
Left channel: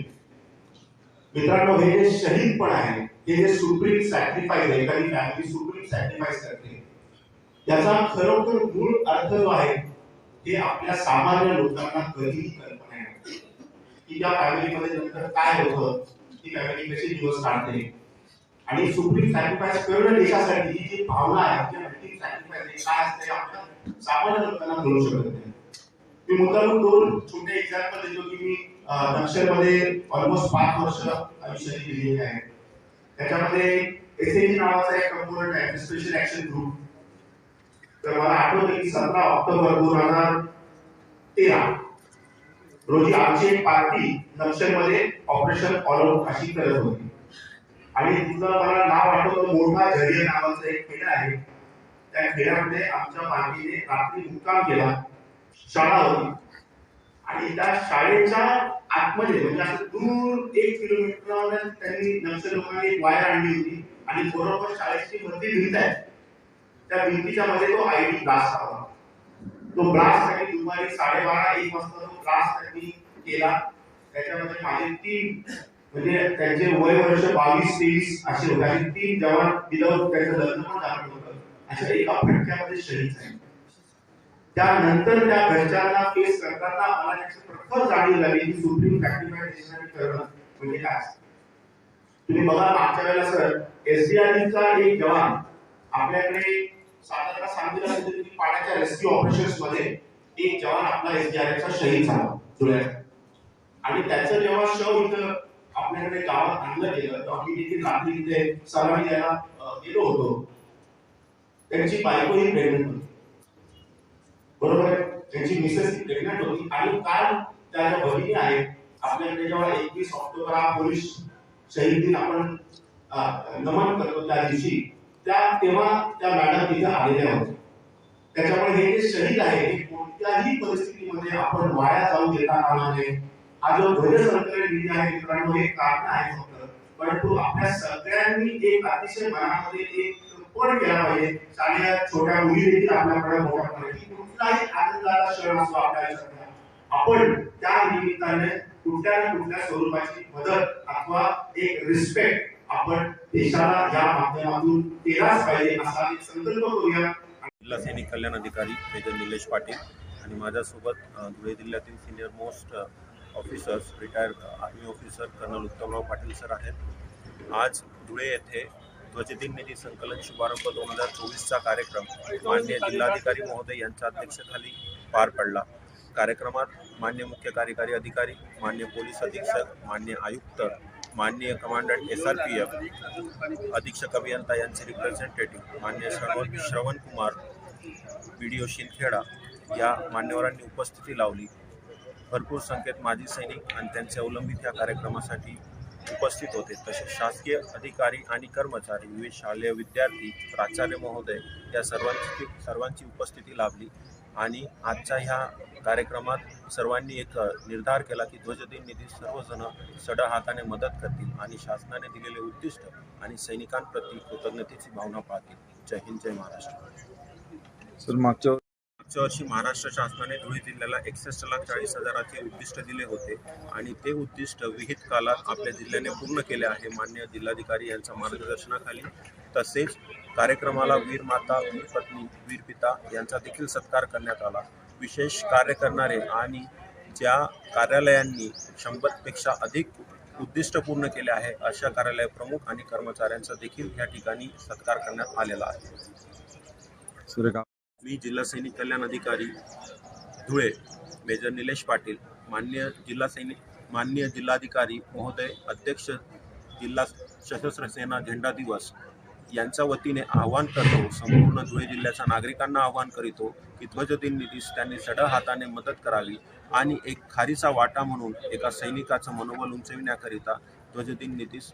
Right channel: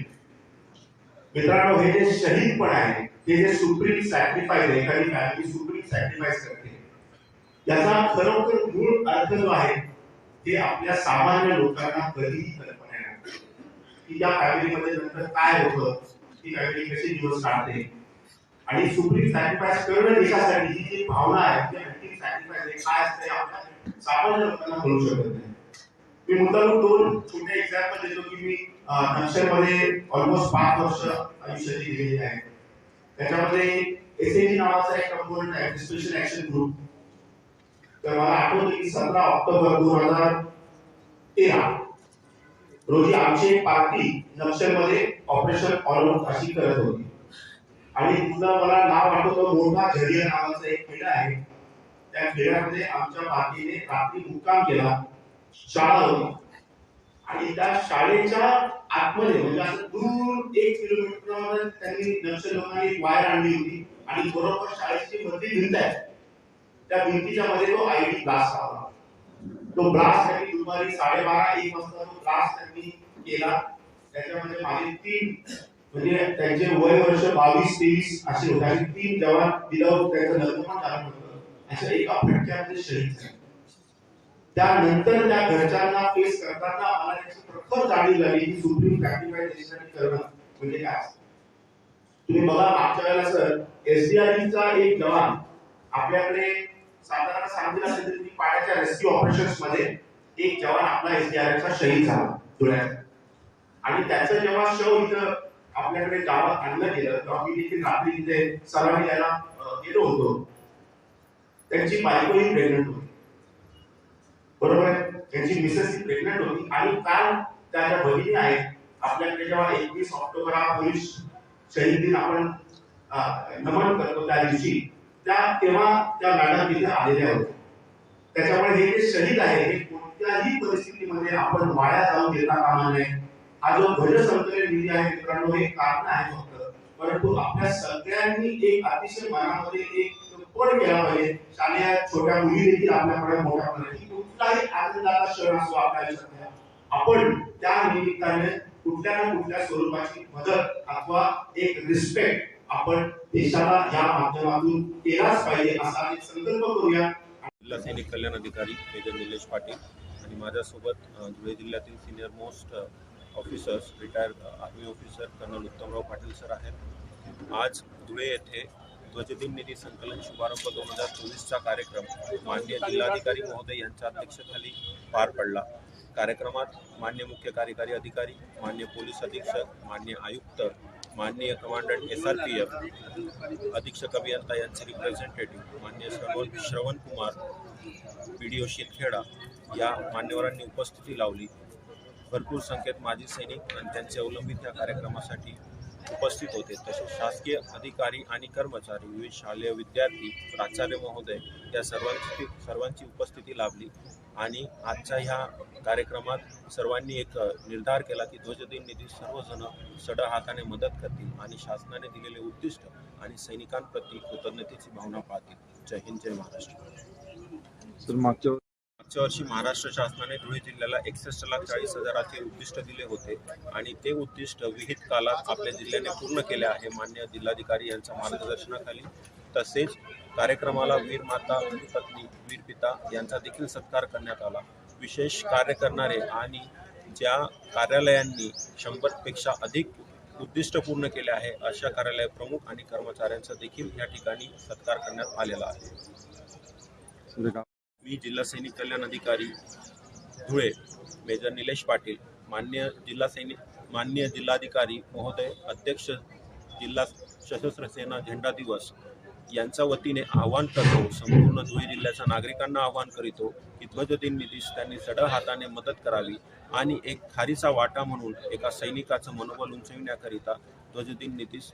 मित्रांनो, हे जे शहीदपण आहे, हे जे सुप्रीम सॅक्रिफाईस आहे, एखादी फॅमिली सुप्रीम सॅक्रिफाईस करते, याचा खरोखर मूळ अर्थ जो आहे ते आपल्या सामान्य लोकांना कधीही कल्पना नाही की या फॅमिलीमध्ये नंतर काय होतं, ती फॅमिली कशी दिवस काढते. आणि सुप्रीम सॅक्रिफाईस करणं देशासाठी ही जी भावना आहे, जी अंतिम सॅक्रिफाईस काय असते, आपल्या सामान्य लोकांना कळू शकत नाही. मी मुद्दाम दोन छोटे एक्झाम्पल देतो की मी नक्षलमध्ये ऑलमोस्ट 5 वर्ष आयुष्यात दिलेले आहे. त्याच्यामध्ये एसएजी नावाचा एक कंपोनंट आहे, स्पेशल ऍक्शन ग्रुप. तर मला आठवतं की 17 ऑक्टोबर 2013 रोजी आमची एक पार्टी नक्षलमध्ये ऑपरेशन ऑल आउट अशी करत होती. आणि तिथलं मला नाव आठवतं, मोठा झरिया नावाचं एक खेडा आहे. त्या खेड्यामध्ये आमच्या पार्टीने रात्री मुक्काम केला. शाळा होती आणि त्या शाळेच्या आतमध्ये म्हणजे असं दूर 1 किलोमीटरवर त्यांनी नक्षल लोकांनी एक वायर आणली होती आणि बरोबर शाळेची मधली भिंत आहे, त्या भिंतीच्या मध्ये तो आयडी ब्लास्ट आला. तो ब्लास्ट त्यांनी दुपारी 12:30-1 वाजता तो ब्लास्ट त्यांनी केला. त्याच्यामध्ये माझे 3 म्हणजे त्यांचे वय वर्ष 22-23 असे होते आणि 3 जवान विदाऊट त्यांचं लग्न पण झालं होतं, अशा एका फटक्यामध्ये शहीद झाले. त्यानंतर त्या घरच्यांना फेस करताना मला त्याची प्रखर जाणीव झाली की सुप्रीम सॅक्रिफाईस देशासाठी करणं म्हणजे काय असतं. तुम्ही बघा, मागच्या वेळेला सर एसडीआरचा एक जवान आपल्याकडे साधारण सांगितलं असेल की पाण्याच्या रेस्क्यू ऑपरेशन्स मध्ये एक जवान आपला एसडीआरचा शहीद झाला धुळ्यात. आणि त्याचं जेव्हा शव इथं आपल्याकडे गावात आणलं गेलं तेव्हा मी देखील रात्री तिथे सलामी द्यायला गेलो होतो. त्यांची बायको ही प्रेग्नंट होती, बरोबर आहे, त्यांची मिसेस ही प्रेग्नंट होती. आणि काल त्या ज्या भगिनी आहेत आपल्याकडे, जेव्हा 21 ऑक्टोबर हा पोलीस शहीद दिन आपण नमन करतो त्या दिवशी, तेव्हा त्या मॅडम तिथे आलेल्या होत्या. त्याच्यामुळे हे जे शहीद आहे हे कोणत्याही परिस्थितीमध्ये आपण वाया जाऊ देता कामा नये. हा जो ध्वज संकलन निधी आहे मित्रांनो, हे कारण आहे फक्त, परंतु आपल्या सगळ्यांनी एक अतिशय मनामध्ये एक पण केला पाहिजे. शालेय छोट्या मुली देखील आपल्याकडे मोठ्या प्रमाणात कुठलाही आनंदाचा क्षण असतो आपल्या आयुष्यात, आपण त्या निमित्ताने कुठल्या ना कुठल्या स्वरूपाची मदत अथवा एक रिस्पेक्ट आपण देशाला या माध्यमातून केलाच पाहिजे असा एक संकल्प करूया. जिल्हा सैनिक कल्याण अधिकारी मेजर निलेश पाटील आणि माझ्यासोबत धुळे जिल्ह्यातील senior most officers, retired army officer colonel Uttamrao Patil sir आहेत. आज धुळे येथे ध्वजदिन निधी संकलन शुभारंभ 2024चा कार्यक्रम माननीय जिल्हाधिकारी महोदय यांच्या अध्यक्षतेखाली पार पडला. कार्यक्रमात माननीय मुख्य कार्यकारी अधिकारी, माननीय पोलीस अधीक्षक, माननीय आयुक्त, माननीय कमांडंट SRPF, अधीक्षक अभियंता यांचे रिप्रेझेंटेटिव्ह माननीय श्रवण कुमार, BDO शिंदखेडा या मान्यवरांनी उपस्थिती लावली. भरपूर संख्येत माजी सैनिक आणि त्यांचे अवलंबित या कार्यक्रमासाठी उपस्थित होते. तसेच शासकीय अधिकारी आणि कर्मचारी, विविध शालेय विद्यार्थी, प्राचार्य महोदय या सर्वांची उपस्थिती लाभली. आणि आजच्या ह्या कार्यक्रमात सर्वांनी एक निर्धार केला की ध्वजदिन निधी सर्वजण सड हाताने मदत करतील आणि शासनाने दिलेले उद्दिष्ट आणि सैनिकांप्रती कृतज्ञतेची भावना पाळतील. जय हिंद, जय महाराष्ट्र. मागच्या वर्षी महाराष्ट्र शासनाने धुळे जिल्ह्याला 61,40,000चे उद्दिष्ट दिले होते आणि ते उद्दिष्ट विहित काळात आपल्या जिल्ह्याने पूर्ण केले आहे माननीय जिल्हाधिकारी यांच्या मार्गदर्शनाखाली. तसेच कार्यक्रमाला वीर माता, वीर पत्नी, वीर पिता यांचा देखील सत्कार करण्यात आला. विशेष कार्य करणारे आणि ज्या कार्यालयांनी 100पेक्षा अधिक उद्दिष्ट पूर्ण केले आहे अशा कार्यालय प्रमुख आणि कर्मचाऱ्यांचा देखील या ठिकाणी सत्कार करण्यात आलेला आहे. मी जिल्हा सैनिक कल्याण अधिकारी धुळे मेजर निलेश पाटील, माननीय जिल्हाधिकारी महोदय, अध्यक्ष जिल्हा सशस्त्र सेना झेंडा दिवस यांच्या वतीने आवाहन करतो, संपूर्ण धुळे जिल्ह्याच्या नागरिकांना आवाहन करीतो की ध्वजदिन निधीस त्यांनी सड हाताने मदत करावी आणि एक खारीचा वाटा म्हणून एका सैनिकाचं मनोबल उंचविण्याकरिता ध्वजदिन निधीस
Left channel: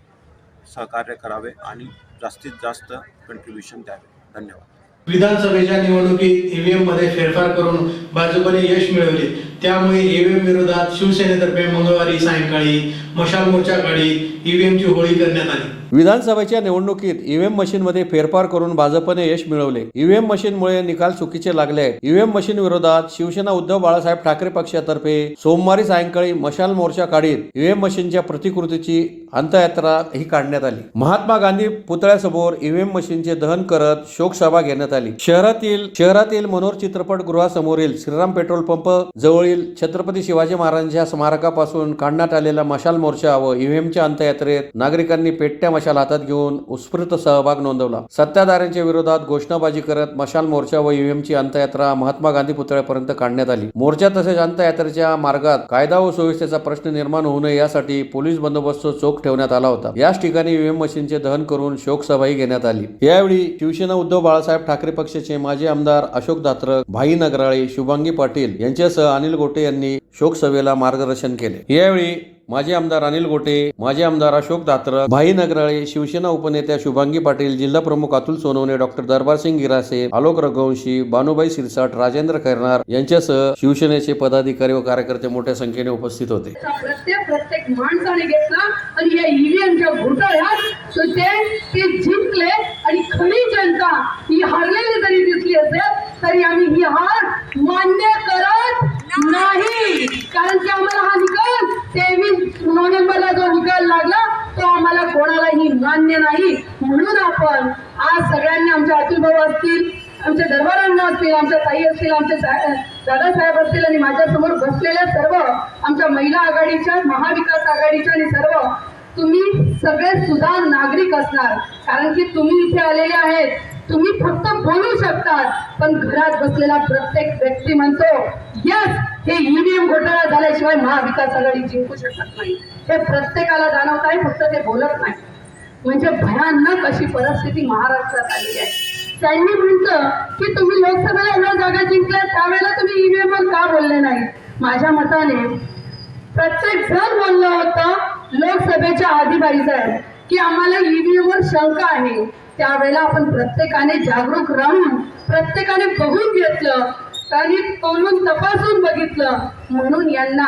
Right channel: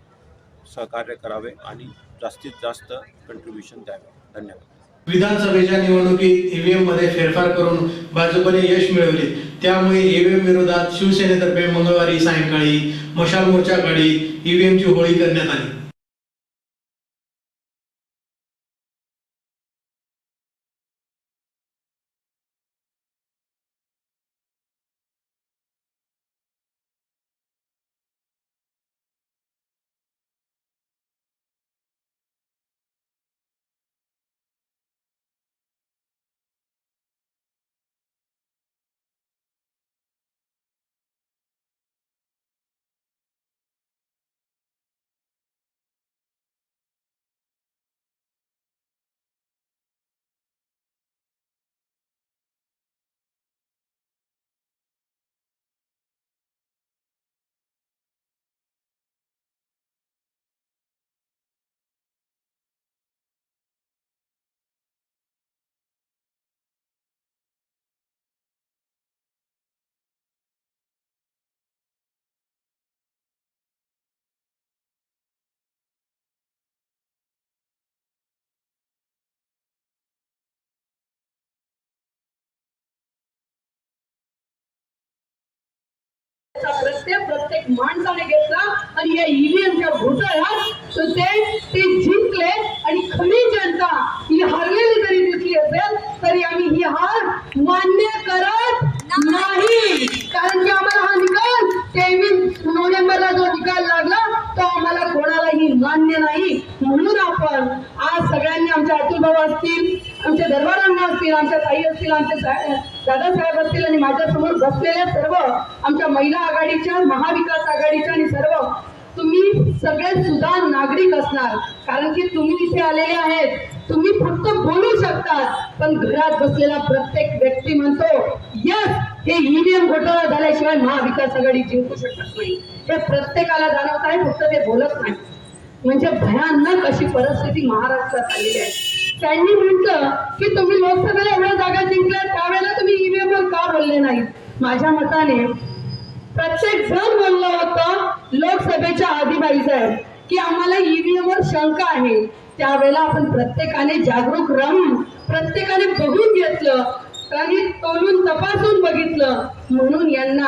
सहकार्य करावे आणि जास्तीत जास्त कंट्रीब्युशन द्यावे. धन्यवाद. विधानसभेच्या निवडणुकीत ईव्हीएम मध्ये फेरफार करून भाजपने यश मिळवले. त्यामुळे ईव्हीएम विरोधात शिवसेनेतर्फे मंगळवारी सायंकाळी मशाल मोर्चा काढीत ईव्हीएमची होळी करण्यात आली. विधानसभेच्या निवडणुकीत ईव्हीएम मशीनमध्ये फेरफार करून भाजपने यश मिळवले. ईव्हीएम मशीनमुळे निकाल चुकीचे लागले आहेत. ईव्हीएम मशीन विरोधात शिवसेना उद्धव बाळासाहेब ठाकरे पक्षातर्फे सोमवारी सायंकाळी मशाल मोर्चा काढीत ईव्हीएम मशीनच्या प्रतिकृतीची अंत्ययात्रा ही काढण्यात आली. महात्मा गांधी पुतळ्यासमोर ईव्हीएम मशीनचे दहन करत शोकसभा घेण्यात आली. शहरातील मनोर चित्रपट गृहासमोरील श्रीराम पेट्रोल पंप जवळील छत्रपती शिवाजी महाराजांच्या स्मारकापासून काढण्यात आलेला मशाल मोर्चा व ईव्हीएमच्या अंत्ययात्रेत नागरिकांनी पेटत्या मशाल हातात घेऊन उत्स्फूर्त सहभाग नोंदवला. सत्ताधाऱ्यांच्या विरोधात घोषणाबाजी करत मशाल मोर्चा व ईव्हीएमची अंत्ययात्रा महात्मा गांधी पुतळ्यापर्यंत काढण्यात आली. मोर्चा तसेच अंत्ययात्रेच्या मार्गात कायदा व सुव्यवस्थेचा प्रश्न निर्माण होऊ नये यासाठी पोलीस बंदोबस्त चोख ठेवण्यात आला होता. याच ठिकाणी ईव्हीएम मशीनचे दहन करून शोकसभाही घेण्यात आली. यावेळी शिवसेना उद्धव बाळासाहेब ठाकरे पक्षाचे माजी आमदार अशोक दात्रक, भाई नगराळे, शुभांगी पाटील यांच्यासह अनिल गोटे यांनी शोकसभेला मार्गदर्शन केले. यावेळी माजी आमदार अनिल गोटे, माजी आमदार अशोक दात्रक, भाई नगराळे, शिवसेना उपनेत्या शुभांगी पाटील, जिल्हा प्रमुख अतुल सोनवणे, डॉक्टर दरबारसिंग गिरासे, आलोक रघुवंशी, बानुबाई सिरसाट, राजेंद्र खैरनार यांच्यासह शिवसेनेचे पदाधिकारी व कार्यकर्ते मोठ्या संख्येने उपस्थित होते. प्रत्येक माणसाने घेतला आणि या ईव्हीएमच्या घोटाळ्यात ते जिंकले आणि खरी जनता ही हारलेली जरी दिसली असेल तरी आम्ही ही हार मान्य करत नाही. कारण की आम्हाला हा निकाल 23 नोव्हेंबरला जो निकाल लागला तो आम्हाला कोणालाही मान्य नाही. म्हणून आपण आज सगळ्यांनी आमच्या अतुल भाऊ असतील, आमच्या दरबारांना असतील, आमच्या ताई असतील, आमचे दादासाहेब असतील आणि माझ्यासमोर बसलेल्या सर्व आमच्या महिला आघाडीच्या, महाविकास आघाडीच्या आणि सर्व तुम्ही सगळे सुधार नागरिक असणार. कारण की तुम्ही इथे आलेले आहेत, तुम्ही फक्त बोलू शकतात पण घरात बसलेला प्रत्येक व्यक्ती म्हणतो यस, हे ईव्हीएम घोटाळा झाल्याशिवाय महाविकास आघाडी जिंकू शकत नाही. हे प्रत्येकाला जाणवत आहे, फक्त ते बोलत नाही. म्हणजे भयानक अशी परिस्थिती महाराष्ट्रात आलेली आहे. त्यांनी म्हटलं की तुम्ही लोकसभेला एवढ्या जागा जिंकल्या, त्यावेळेला तुम्ही ईव्हीएम वर का बोलले नाही. माझ्या मताने प्रत्येक जण बोललं होतं लोकसभेच्या आधी बाईसाहेब की आम्हाला ईव्हीएम वर शंका आहे. त्यावेळेला आपण प्रत्येकाने जागरूक राहून प्रत्येकाने बघून घेतलं, त्यांनी तोलून तपासून बघितलं. म्हणून यांना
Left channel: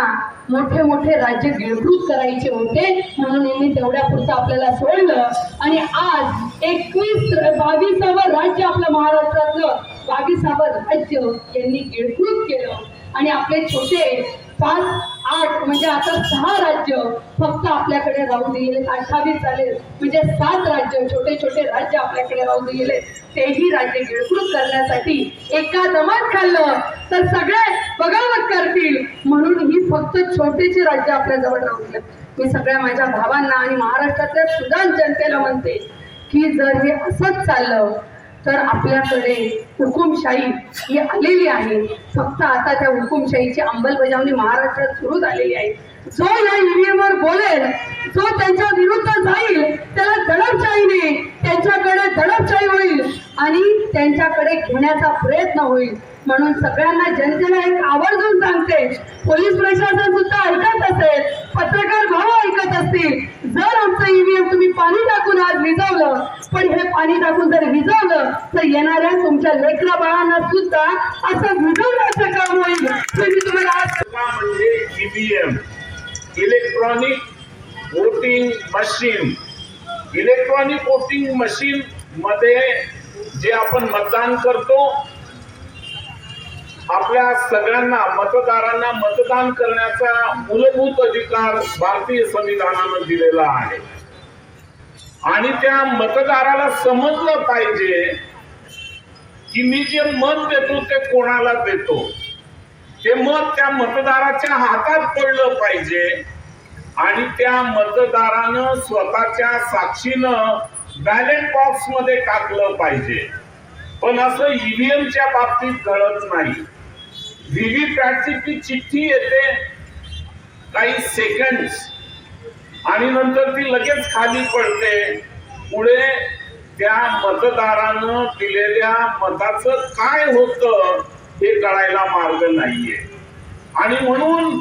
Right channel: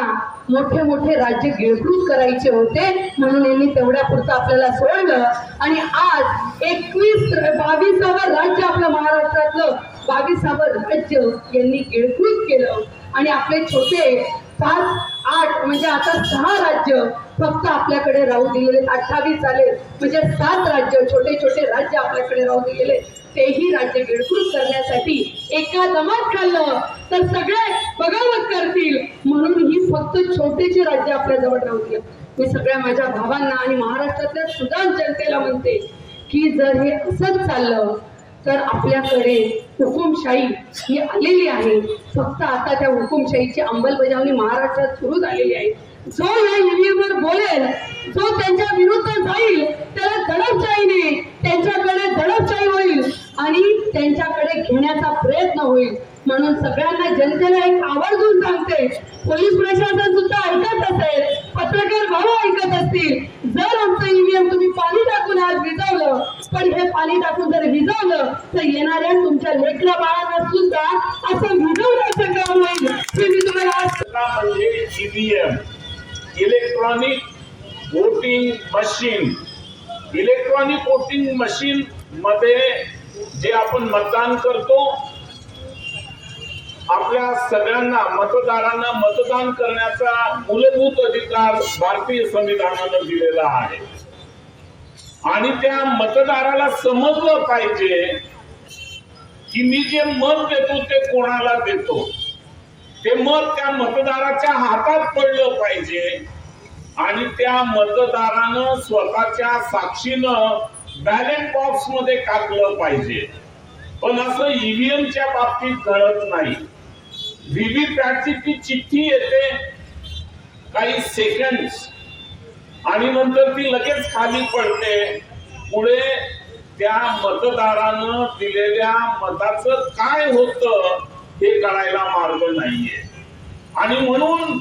मोठे मोठे राज्य गिळकृत करायचे होते, म्हणून यांनी तेवढ्या पुरतं आपल्याला सोडलं. आणि आज 22वं राज्य आपलं महाराष्ट्रातलं 22वं राज्य यांनी गिळकृत केलं. आणि आपले छोटे 5-8 म्हणजे आता 6 राज्य फक्त आपल्याकडे राहू दिलेले. 28 झाले म्हणजे 7 राज्य, छोटे छोटे राज्य आपल्याकडे राहू दिलेले. तेही राज्य गिळकृत करण्यासाठी एका दमात खाल्लं तर सगळे बगावत करतील, म्हणून ही फक्त छोटेचे राज्य आपल्या जवळ राहू दिले. मी सगळ्या माझ्या भावांना आणि महाराष्ट्रातल्या सुदान जनतेला म्हणते की जर हे असंच चाललं तर आपल्याकडे हुकुमशाही ही आलेली आहे. फक्त आता त्या हुकुमशाहीची अंमलबजावणी महाराष्ट्रात सुरू झालेली आहे. जो या ईव्हीएमवर बोलेल, जो त्यांच्या विरुद्ध जाईल, त्याला दडपशाहीने त्यांच्याकडे दडपशाही होईल आणि त्यांच्याकडे घेण्याचा प्रयत्न होईल. म्हणून सगळ्यांना जनतेला एक आवर्जून सांगते, पोलीस प्रशासन सुद्धा ऐकत असेल, पत्रकार भाऊ ऐकत असतील, जर आमचं ईव्हीएम तुम्ही पाणी टाकून आज विजवलं, पण हे पाणी टाकून जर विजवलं तर येणाऱ्या तुमच्या लेकरा बाळांना सुद्धा असं विजवण्याचं काम होईल. हे मी तुम्हाला आज म्हणजे EVM, electronic voting machine. Electronic voting machine मध्ये जे आपण मतदान करतो, आपल्या सगळ्यांना मतदारांना मतदान करण्याचा मूलभूत अधिकार भारतीय संविधानानं दिलेला आहे. आणि त्या मतदाराला समजलं पाहिजे की मी जे मत देतो ते कोणाला देतो. ते मत त्या मतदाराच्या हातात पडलं पाहिजे आणि त्या मतदारानं स्वतःच्या साक्षीनं बॅलेट बॉक्स मध्ये टाकलं पाहिजे. पण असं ईव्हीएमच्या बाबतीत घडत नाही. व्हीव्हीपॅटची ती चिठ्ठी येते काही सेकंड्स आणि नंतर ती लगेच खाली पडते. पुढे त्या मतदारानं दिलेल्या मताचं काय होतं हे कळायला मार्ग नाहीये आणि म्हणून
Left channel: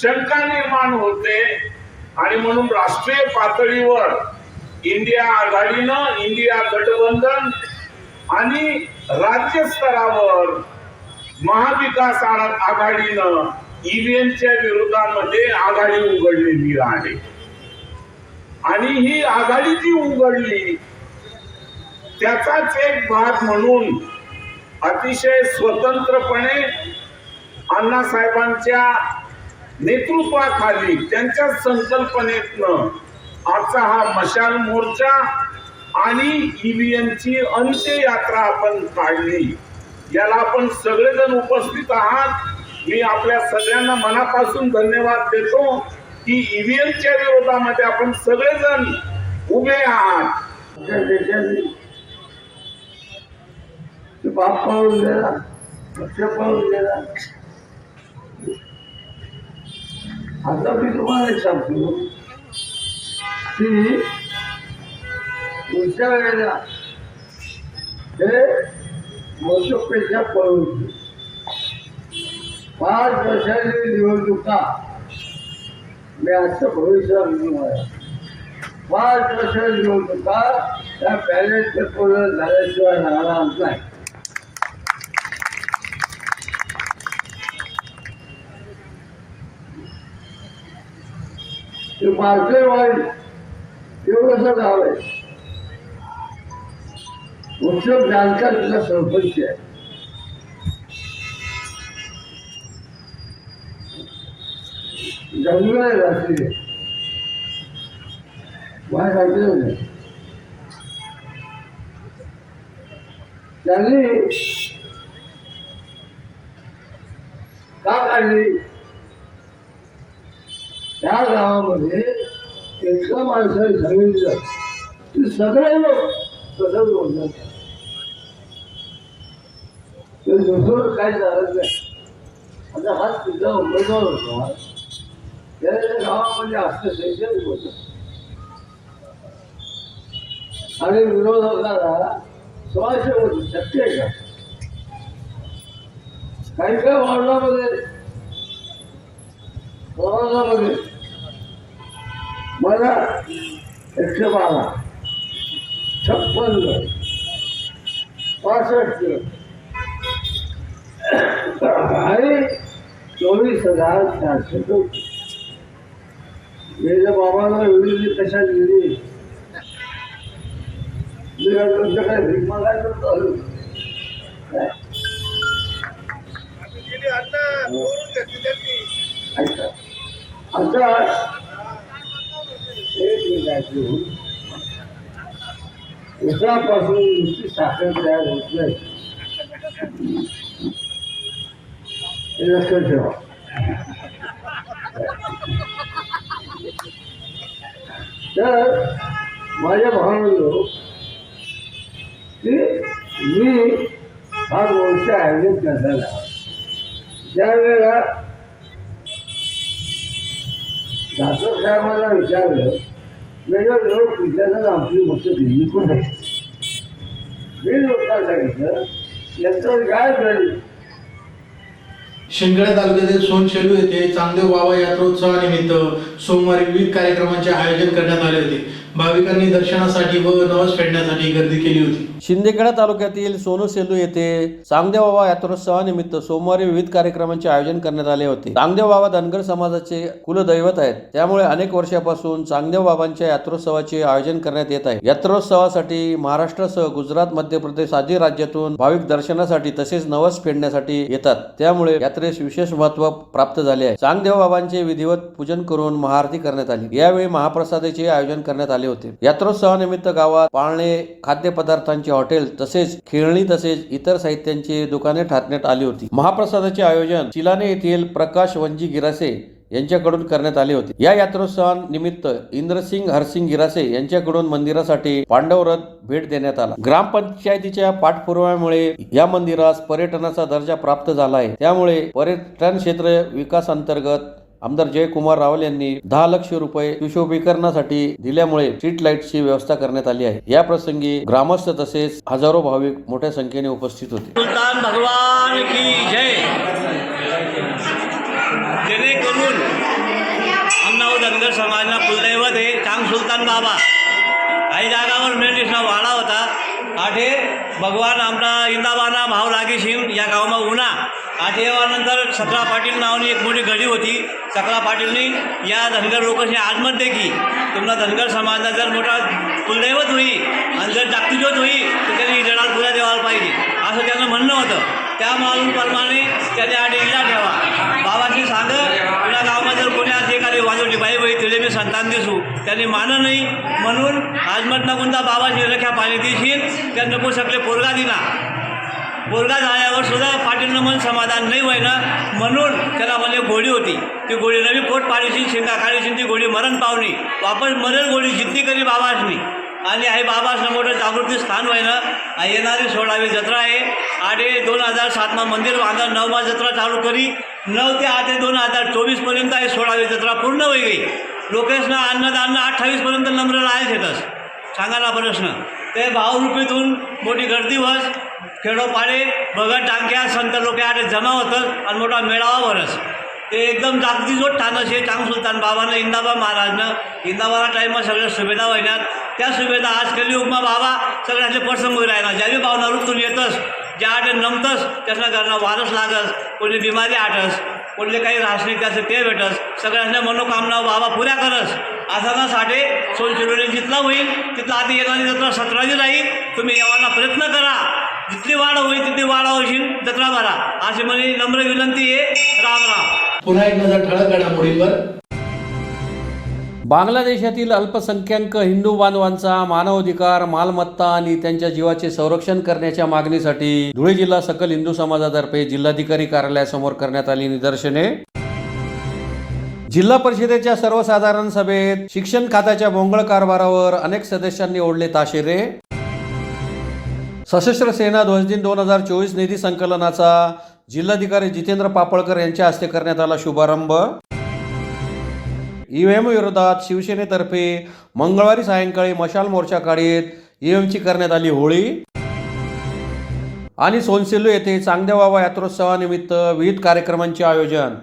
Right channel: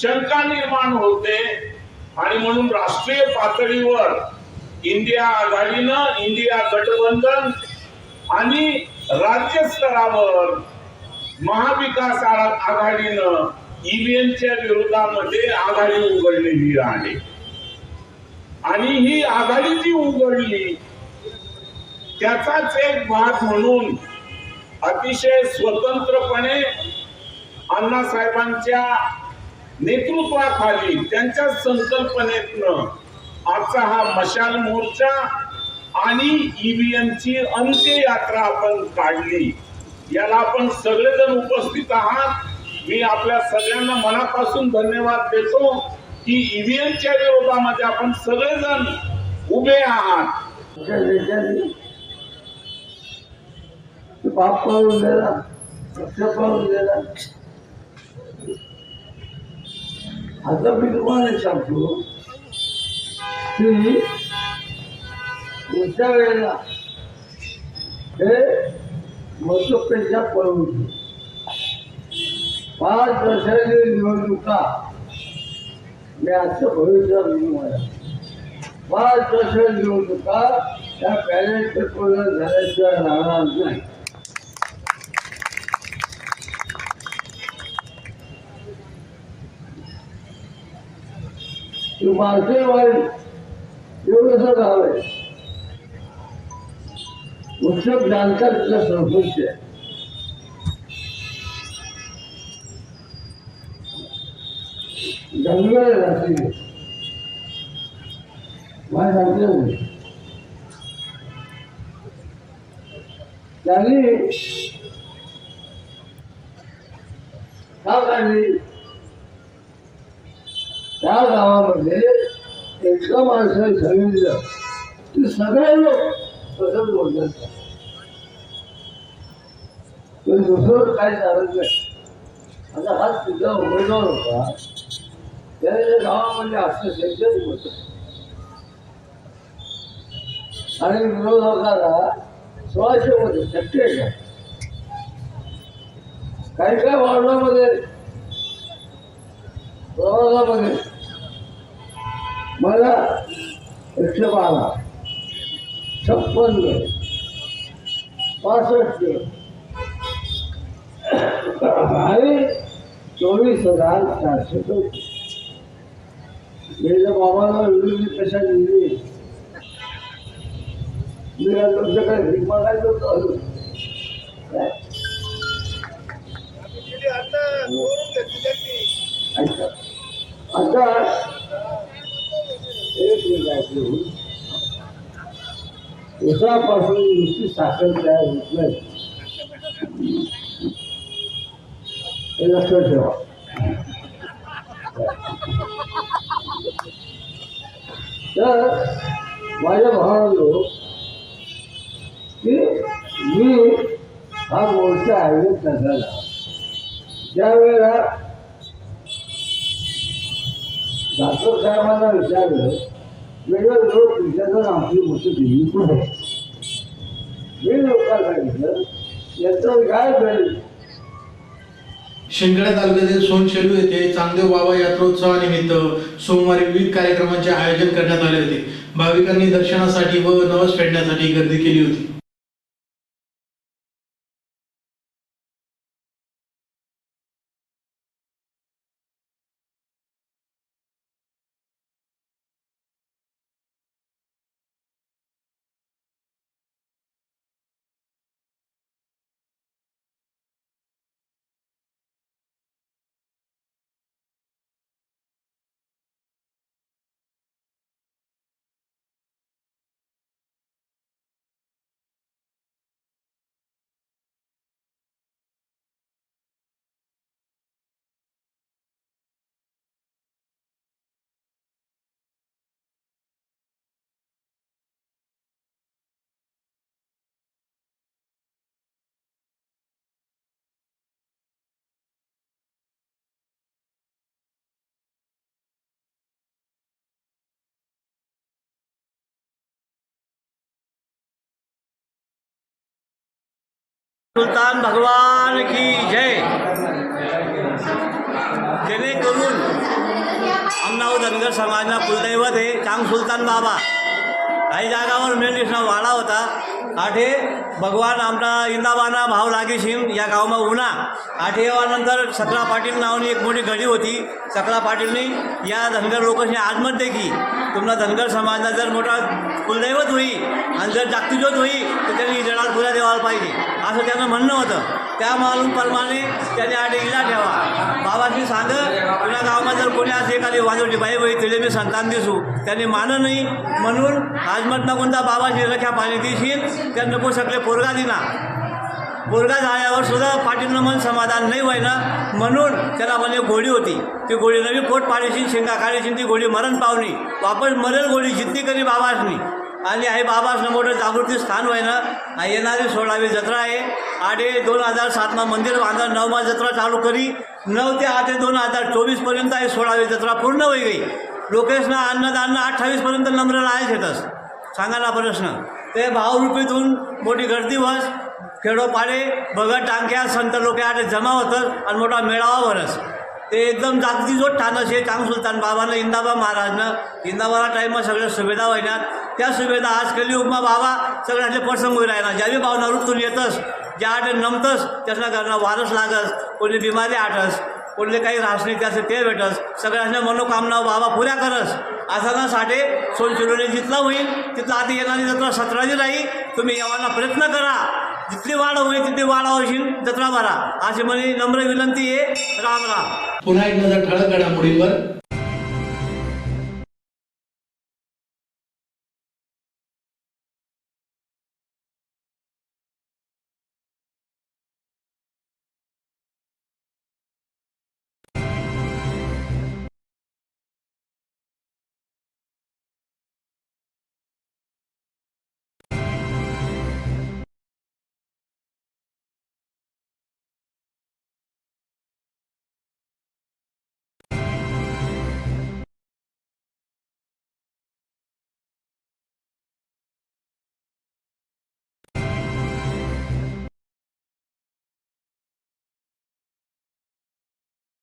शंका निर्माण होते. आणि म्हणून राष्ट्रीय पातळीवर इंडिया आघाडीनं, इंडिया गठबंधन आणि राज्य स्तरावर महाविकास आघाडीनं ईव्हीएमच्या विरोधामध्ये आघाडी उघडलेली आहे. आणि ही आघाडी जी उघडली त्याचाच एक भाग म्हणून अतिशय स्वतंत्रपणे अण्णासाहेबांच्या नेतृत्वाखाली त्यांच्या संकल्पनेतनं आजचा हा मशाल मोर्चा आणि ईव्हीएमची अंत्ययात्रा आपण काढली. याला आपण सगळेजण उपस्थित आहात. मी आपल्या सगळ्यांना मनापासून धन्यवाद देतो की ईव्हीएमच्या विरोधामध्ये आपण सगळेजण उभे आहात. बाप पाहून गेला, पक्ष पाहून गेला. आता मी तुम्हाला एक सांगतो की पुढच्या वेळेला हे मतपेक्षा पळवून 5 वर्षाची निवडणुका मी आजचं भविष्य तुम्हाला 5 वर्षाची निवडणुका त्या बॅलेट पेपरवर झाल्याशिवाय राहणार नाही. मार्केटवाडी एवढंच गाव आहे. उत्सव जानकर तिला सरपंच आहे. जंगल आहे रात्री मला सांगितलं नाही. त्यांनी का काढली? त्या गावामध्ये एका माणसाने सांगितलं की सगळे लोक तसंच बोलतात, ते दुसरं काही चालत नाही. आता हा तिचा उमेदवार होता, त्या गावामध्ये असं सेंटर होतं आणि विरोधकाला 1600 होते. शक्य आहे का? काही काही वार्डामध्ये प्रवासामध्ये मला 112, 56, 65 आणि 24,400 गेल्या बाबांना एवढी कशा दिली? तुमच्याकडे भीक मागायचं होतं. आता एक मिनिट, उसापासून नुसती साखर तयार होत नाही, हे लक्षात ठेवा. तर माझ्या भावांनो की मी हा मोर्चा आयोजित करताना त्यावेळेला डॉक्टर साहेबांना विचारलं, म्हणजे लोक विचारतात आमची मोठी दिल्ली पण आहे. मी लोकांना सांगितलं याचं काय घडेल. शिंदखेडा तालुक्यातील सोनशेलू येथे चांगदेव बाबा यात्रोत्सवानिमित्त सोमवारी विविध कार्यक्रमांचे आयोजन करण्यात आले होते. भाविकांनी दर्शनासाठी व नवस फेडण्यासाठी गर्दी केली होती. शिंदखेडा तालुक्यातील सोनसेलू येथे चांगदेव बाबा यात्रोत्सवानिमित्त सोमवारी विविध कार्यक्रमांचे आयोजन करण्यात आले होते. चांगदेव बाबा धनगर समाजाचे कुलदैवत आहेत, त्यामुळे अनेक वर्षापासून चांगदेव बाबांच्या यात्रोत्सवाचे आयोजन करण्यात येत आहे. यात्रोत्सवासाठी महाराष्ट्रासह गुजरात, मध्य प्रदेश आदी राज्यातून भाविक दर्शनासाठी तसेच नवस फेडण्यासाठी येतात, त्यामुळे यात्रेस विशेष महत्त्व प्राप्त झाले आहे. चांगदेव बाबांचे विधिवत पूजन करून महाआरती करण्यात आली. यावेळी महाप्रसादाचे आयोजन करण्यात आले होते. यात्रोत्सवानिमित्त गावात पाळणे, खाद्यपदार्थांचे हॉटेल तसेच खेळणी तसेच इतर साहित्यांची दुकाने टाकण्यात आली होती. महाप्रसादाचे आयोजन चिलाने येथील प्रकाश वंजी गिरासे यांच्याकडून करण्यात आले होते. या यात्रोत्सवानिमित्त इंद्रसिंग हरसिंग गिरासे यांच्याकडून मंदिरासाठी पांडव रथ भेट देण्यात आला. ग्रामपंचायतीच्या पाठपुराव्यामुळे या मंदिरास पर्यटनाचा दर्जा प्राप्त झाला आहे, त्यामुळे पर्यटन क्षेत्र विकास अंतर्गत आमदार जयकुमार रावल यांनी 10 लाख रुपये सुशोभीकरणासाठी दिल्यामुळे स्ट्रीट लाईटची व्यवस्था करण्यात आली आहे. या प्रसंगी ग्रामस्थ तसेच हजारो भाविक मोठ्या संख्येने उपस्थित होते. सुलतान भगवान की जय. जेणेकरून आमनाव धनगर समाजना कुलदैवत आहे चांग सुलतान बाबा. काही जागावर मेंढीसना वाडा होता. आठे भगवान आमचा इंदाबाना भाव लागीशीन या गावाમાં उन्हा. आठे यानंतर सकला पाटील नावानी एक मोठी घडी होती. सकला पाटीलनी या धनगर लोकांनी आजमत दे की तुम्हाला धनगर समाजाला जर मोठा कुलदैवत होई आणि जर जागतिक होई तर त्यांनी जडाल पुरा देवाला पाहिजे असं त्यांना म्हणणं होतं. त्या मालूमप्रमाणे त्याने आठ इला ठेवा. बाबांनी सांग तुला गावामध्ये जर कोणी असे एखादी वाजवची बाई बाई तिले मी संतान दिसू त्यांनी मानं नाही म्हणून आजमत ना कोणता बाबाची रख्या पाणी देशील त्या नको सकले पोरगा दिना. पोरगा झाल्यावर सुद्धा पाटीलनं मन समाधान नाही व्हायना म्हणून त्याला म्हणजे घोडी होती. ती घोडी नवी पोट पाडीशी शेंगा काढीशी ती घोडी मरण पावणी वापस मरण घोडी जितनी करी बाबासनी. आणि आहे बाबासनं मोठं जागृती स्थान व्हायनं. येणारी 16वी जत्रा आहे. 2007 मंदिर बांधा 9 जत्रा चालू करी 9 ते 8 2024 आहे 16वी जत्रा पूर्ण होई गई. लोकेशना अन्नदान 28 नम्र आहे शेतस सांगायला प्रश्न ते भावरूपीतून मोठी गर्दी वस खेडोपाडे भगत टांक्या संत लोक आठ जमा होतं आणि मोठा मेळावा भरस. ते एकदम जागतिक ठाण असे चांग सुलतान बाबानं इंदाबा महाराजनं इंदाबाला टाईमમાં सगळ्या सुविधा व्हायनात. त्या सुविधा आज कलियुगमा बाबा सगळ्याचे प्रसंग राहणार. ज्यावेळी भावना रूपतून येतस ज्या आठ नमतस त्यासना घरनं वारस लागस कोणी बिमारी आठस कोणले काही राहस त्याचं ते भेटस सगळ्यांच्या मनोकामना बाबा पुऱ्या करस. आसनासाठी सोनशिरोली जितला होईल तिथला आधी येणारी जत्रा 17वी राहील. तुम्ही यावाना प्रयत्न करा. जितली वाढ होईल तितली वाढा होईल जत्रा भरा अशी म्हणजे नम्र विनंती आहे. राम राम. पुन्हा एक नजर ठळक घडामोडींवर. बांगलादेशातील अल्पसंख्याक हिंदू बांधवांचा मानवाधिकार, मालमत्ता आणि त्यांच्या जीवाचे संरक्षण करण्याच्या मागणीसाठी धुळे जिल्हा सकल हिंदू समाजातर्फे जिल्हाधिकारी कार्यालयासमोर करण्यात आली निदर्शने. जिल्हा परिषदेच्या सर्वसाधारण सभेत शिक्षण खात्याच्या भोंगळ कारभारावर अनेक सदस्यांनी ओढले ताशेरे. सशस्त्र सेना ध्वजदिन 2024 निधी संकलनाचा जिल्हाधिकारी जितेंद्र पापळकर यांच्या हस्ते करण्यात आला शुभारंभ. ईव्हीएम विरोधात शिवसेनेतर्फे मंगळवारी सायंकाळी मशाल मोर्चा काढीत ईव्हीएमची करण्यात आली होळी. आणि सोनसेलू येथे चांगदेव बाबा यात्रोत्सवानिमित्त विविध कार्यक्रमांचे आयोजन.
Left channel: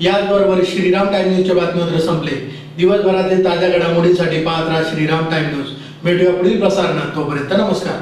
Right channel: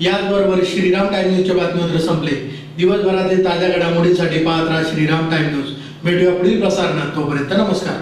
याचबरोबर श्रीराम टाइम न्यूजच्या बातमीपत्र संपले. दिवसभरातील ताज्या घडामोडींसाठी पाहत राहा श्रीराम टाइम न्यूज. भेटूया पुढील प्रसारणात. तोपर्यंत नमस्कार.